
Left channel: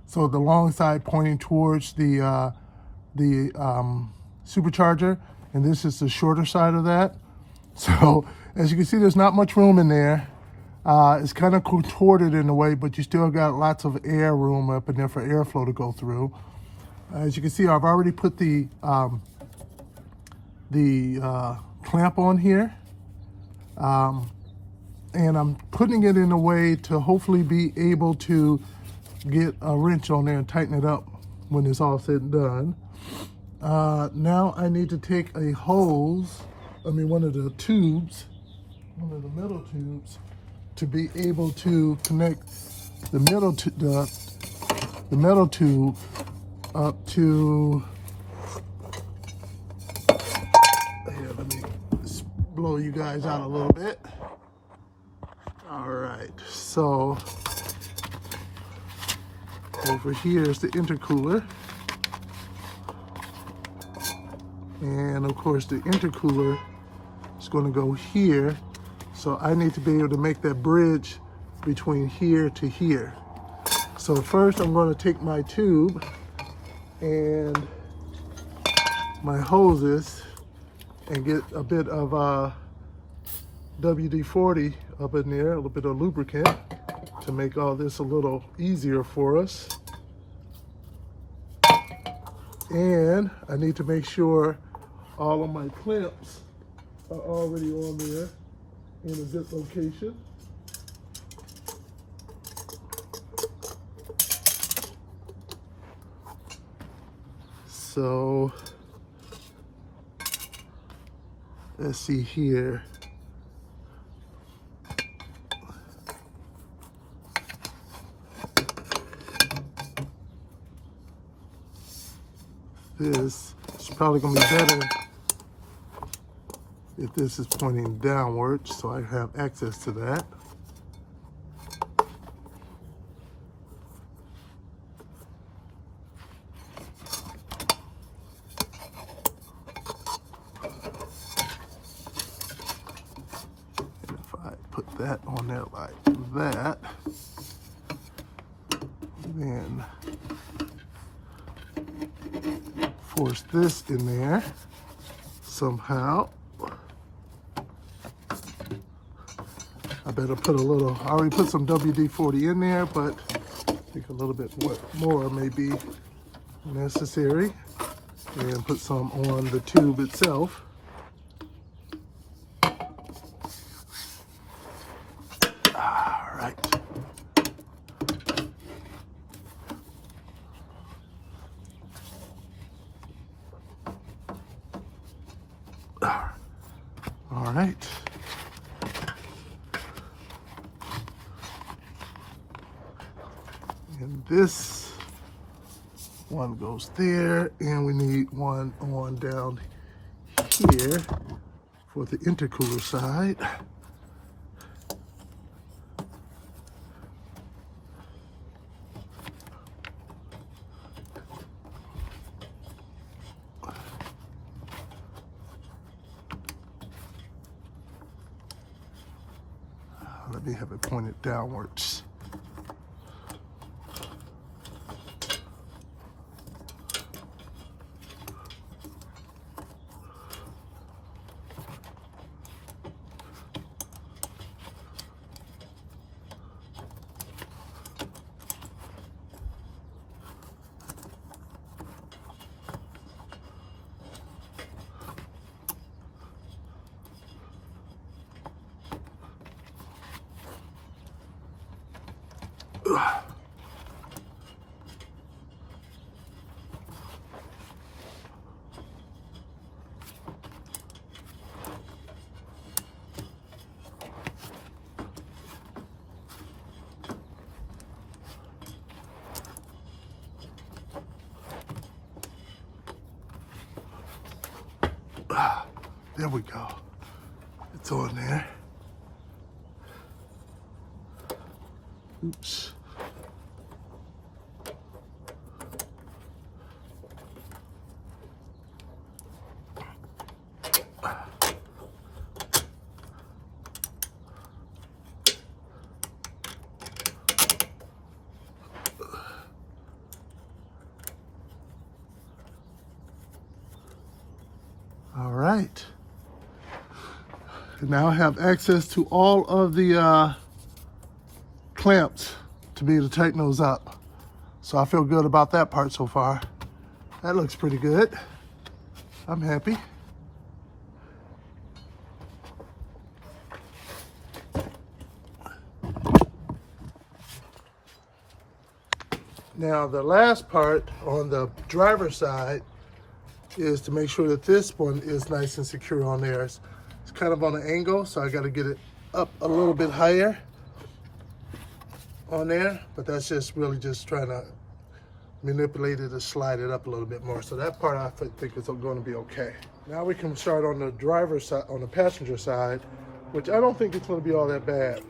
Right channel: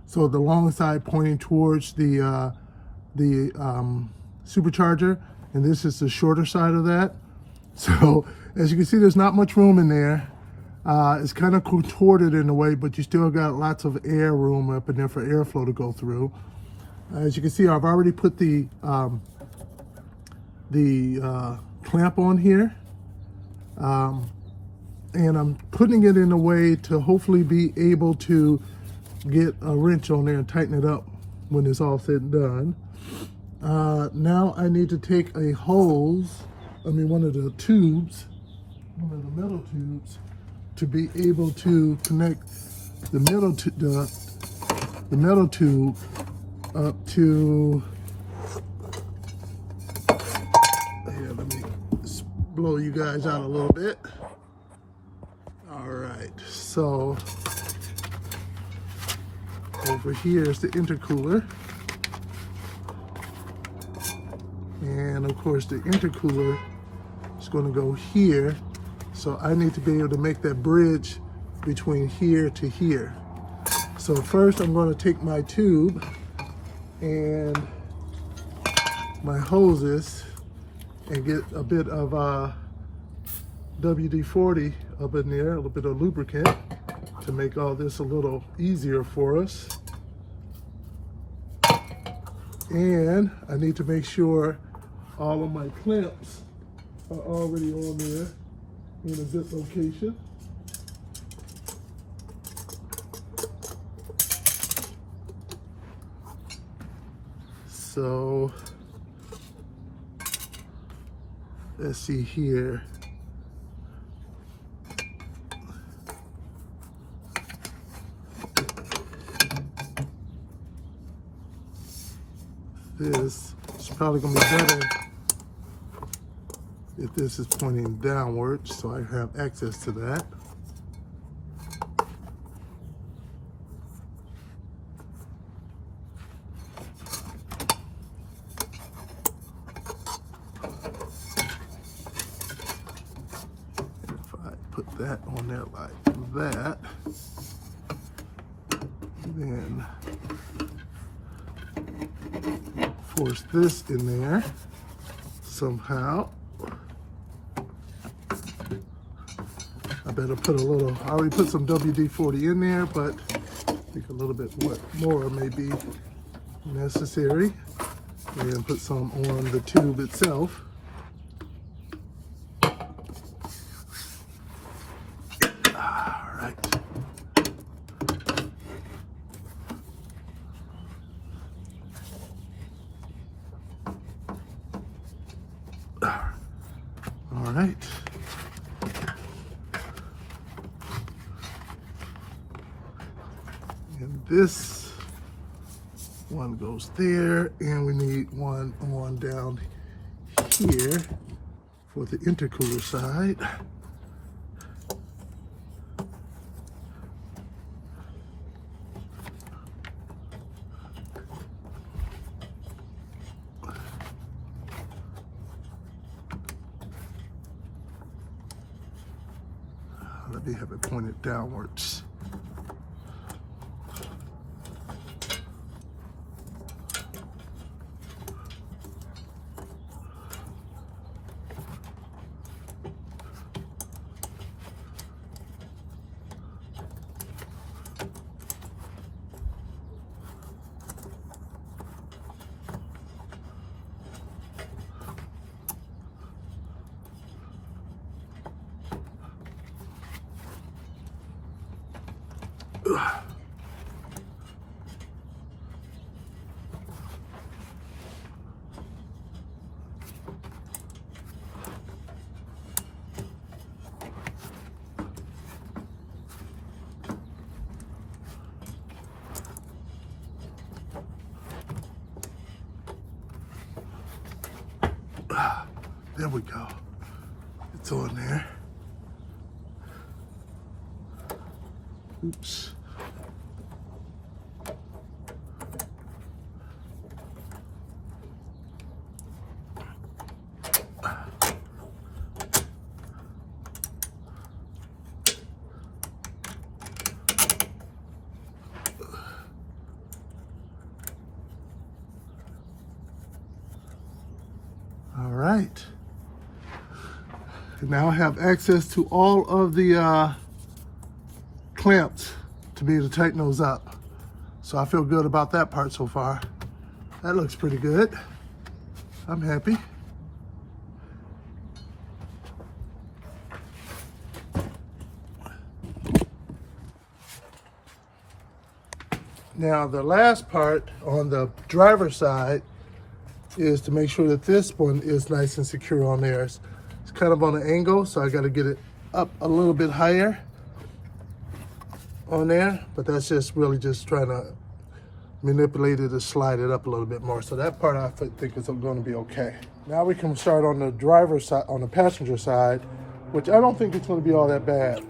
So the long side pointing towards the supercharger, and this is the shorter side of that. So as you can see, there's not much room in there. It's kind of contorted in a way, but you still got lots of air room up in there for airflow to go through. As you can see, I've already put the clamp on here, and I'm putting it in a way to hopefully be able to get a wrench on there and tighten it up when it's all said and done. Now I need to take a hose, one of the tubes, one of the metal tubes, to be able to connect the metal tube up to, here, let me blow you guys out a little bit. All right, so over here is the intercooler. And of course the intercooler is going to go here. So I need to be able to make that bridge between here to here. So first I'm going to take my tube and my hoses and get a bit of WD-40 up in there, a little bit of lubricant to make all this a little easier for us. And I need to make sure all of my clamps are already on there in a good location. So let's see here. This is probably going to be better if this is pointing downwards, so I have access to that. And if I put that on there like that, then force this in there somehow. I better put a little, I already put some WD-40 in there, but I think a little bit more may be necessary. And put some on the tube itself. All right. All right. And this one goes there, and we need one on down here for the intercooler side. Let me have it pointed downwards. There we go. It's on there. Oops. All right. Now I have access to all of the clamps to be able to tighten those up. So I feel good about that part so far. That looks pretty good. I'm happy. Now the last part on the driver's side is to make sure that this one is nice and secure on there. It's kind of on an angle, so I got to get it up a little bit higher on there, but that's just really just trying to manipulate it to slide it up a little bit more. So that part I think is going to be okay. Now we can start on the driver's side, on the passenger side, which I don't think it's going to be all that bad.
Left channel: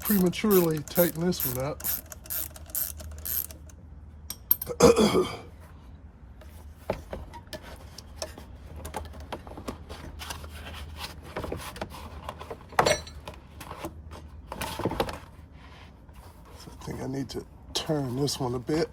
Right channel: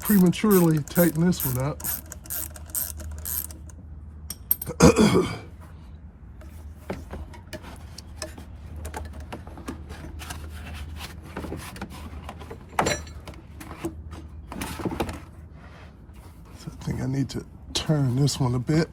Prematurely tighten this one up. So I think I need to turn this one a bit.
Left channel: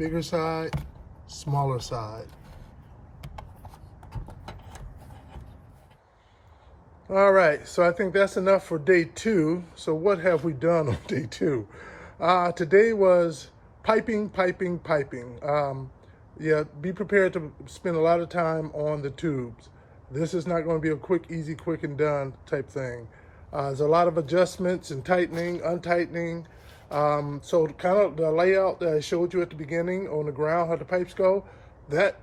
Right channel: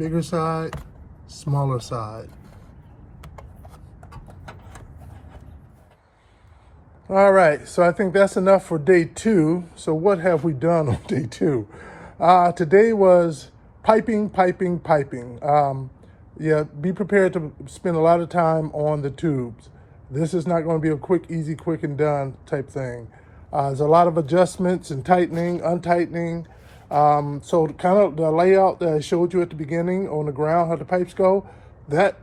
bigger side, smaller side. All right, so I think that's enough for day 2. So what have we done on day 2? Today was piping. Yeah, be prepared to spend a lot of time on the tubes. This is not going to be a quick, easy, quick and done type thing. There's a lot of adjustments and tightening, untightening. So kind of the layout that I showed you at the beginning on the ground, how the pipes go, that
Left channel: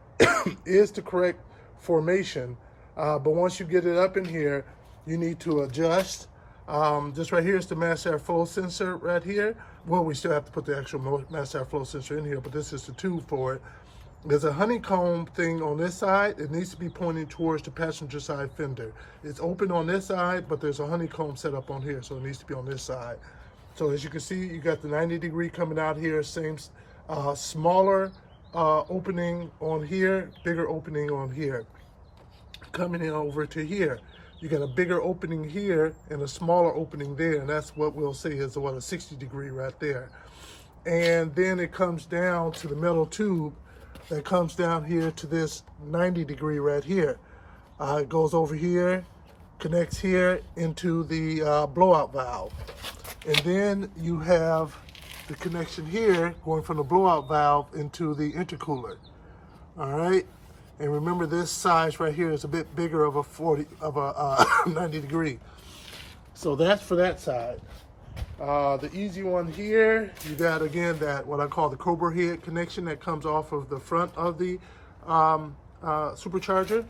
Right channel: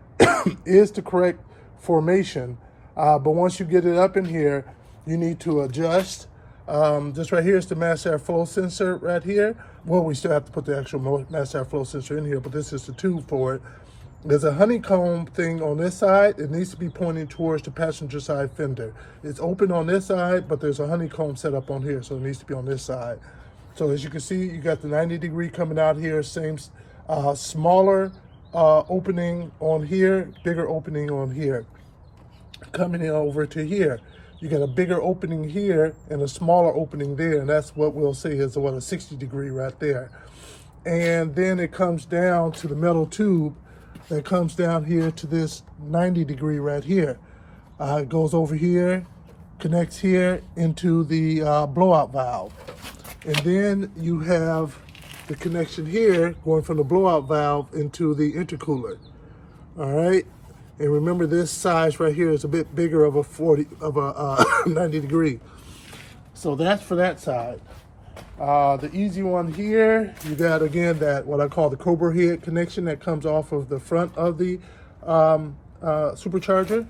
is the correct formation. But once you get it up in here, you need to adjust. This right here is the mass air flow sensor right here. Well, we still have to put the actual mass air flow sensor in here, but this is the tube for it. There's a honeycomb thing on this side. It needs to be pointing towards the passenger side fender. It's open on this side, but there's a honeycomb set up on here, so it needs to be on this side. So as you can see, you got the 90 degree coming out here, same smaller opening on here, bigger opening on here. Coming in over to here, you got a bigger opening here and a smaller opening there, and that's what we'll say is a 60 degree right there. And then it comes down to the metal tube that comes down here to this 90 degree right here. It goes over here, connects here into the blowout valve. And then you have the connection here going from the blowout valve into the intercooler. All right. And remember, this size right here is a bit bigger of a 90 degree. So that's for that side. The easy one here, you got again that what I call the Cobra head connection that comes off of the front of the supercharger.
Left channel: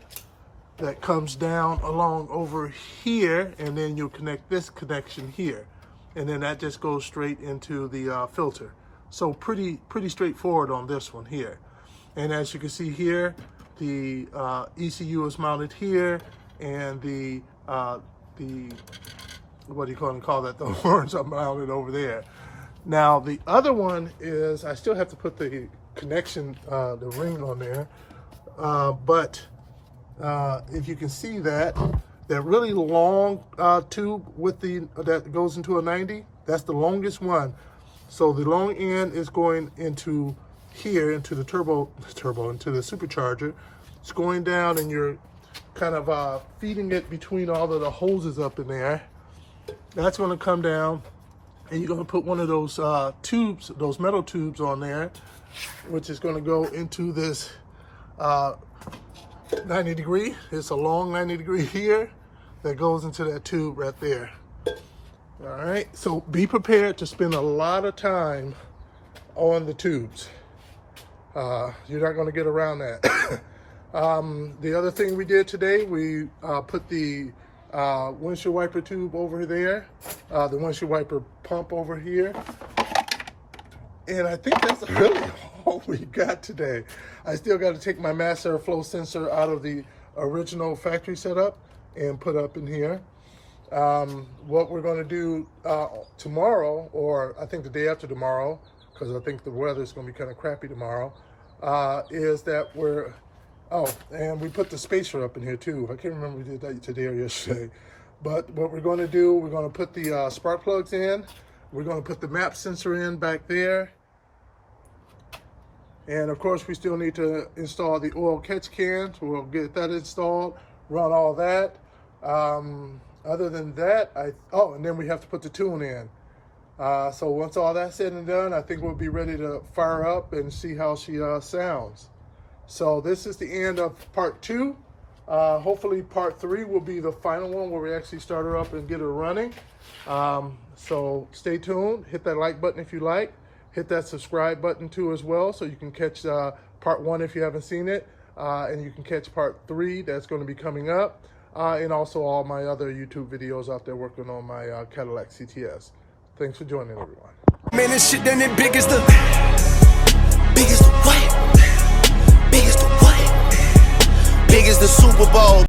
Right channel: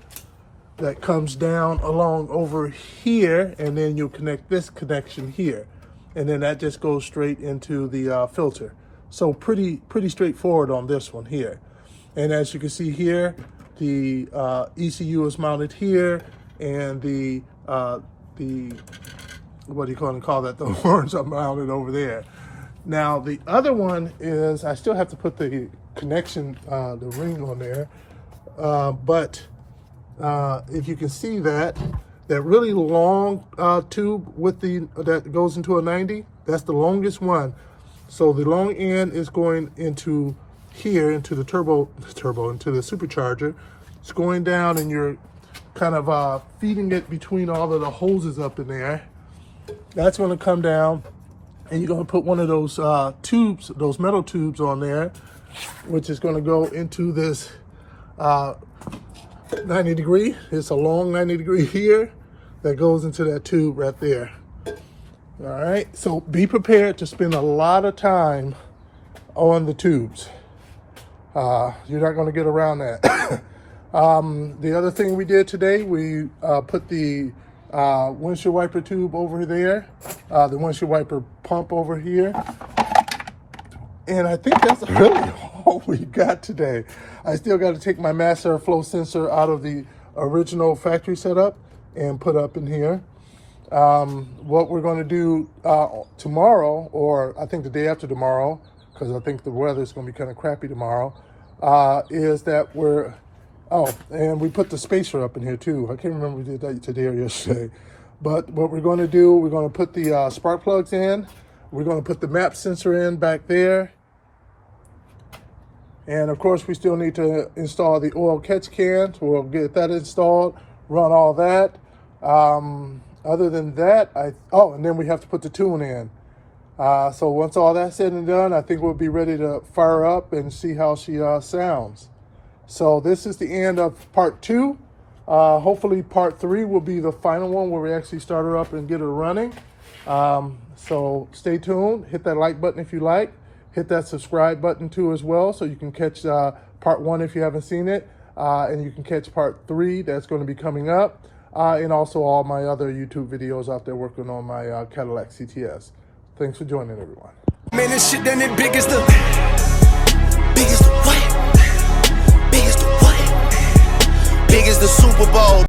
That comes down along over here, and then you'll connect this connection here. And then that just goes straight into the filter. So pretty straightforward on this one here. And as you can see here, the ECU is mounted here, and the what do you call that? The horns are mounted over there. Now the other one is, I still have to put the connection, the ring on there, but if you can see that really long tube with that goes into a 90, that's the longest one. So the long end is going into here, into the into the supercharger. It's going down, and you're kind of feeding it between all of the hoses up in there. That's going to come down, and you're going to put one of those tubes, those metal tubes on there, which is going to go into this 90 degree. It's a long 90 degree here that goes into that tube right there. All right, so be prepared to spend a lot of time on the tubes. You're not going to get around that. The other thing we did today, we put the windshield wiper tube over there, the windshield wiper pump over here. And I think that's really all we got today. I still got to take my mass airflow sensor out of the original factory setup and put up in here. What we're going to do tomorrow, or I think the day after tomorrow, because I think the weather is going to be kind of crappy tomorrow, is that and we put the spacer up in here too. I can't remember if we did that today or yesterday. But what we're going to do, we're going to put the spark plugs in. We're going to put the map sensor in back there. And of course, we still need to install the oil catch can. So we'll get that installed, run all that. Other than that, and then we have to put the tune in. So once all that's said and done, I think we'll be ready to fire up and see how she sounds. So this is the end of part 2. Hopefully part 3 will be the final one where we actually start her up and get her running. So stay tuned. Hit that like button if you like. Hit that subscribe button too as well, so you can catch part 1 if you haven't seen it. And you can catch part 3 that's going to be coming up. And also all my other YouTube videos out there working on my Cadillac CTS. Thanks for joining, everyone. Man, this shit done it big as the what? Big as the what? Big as the Super Bowl.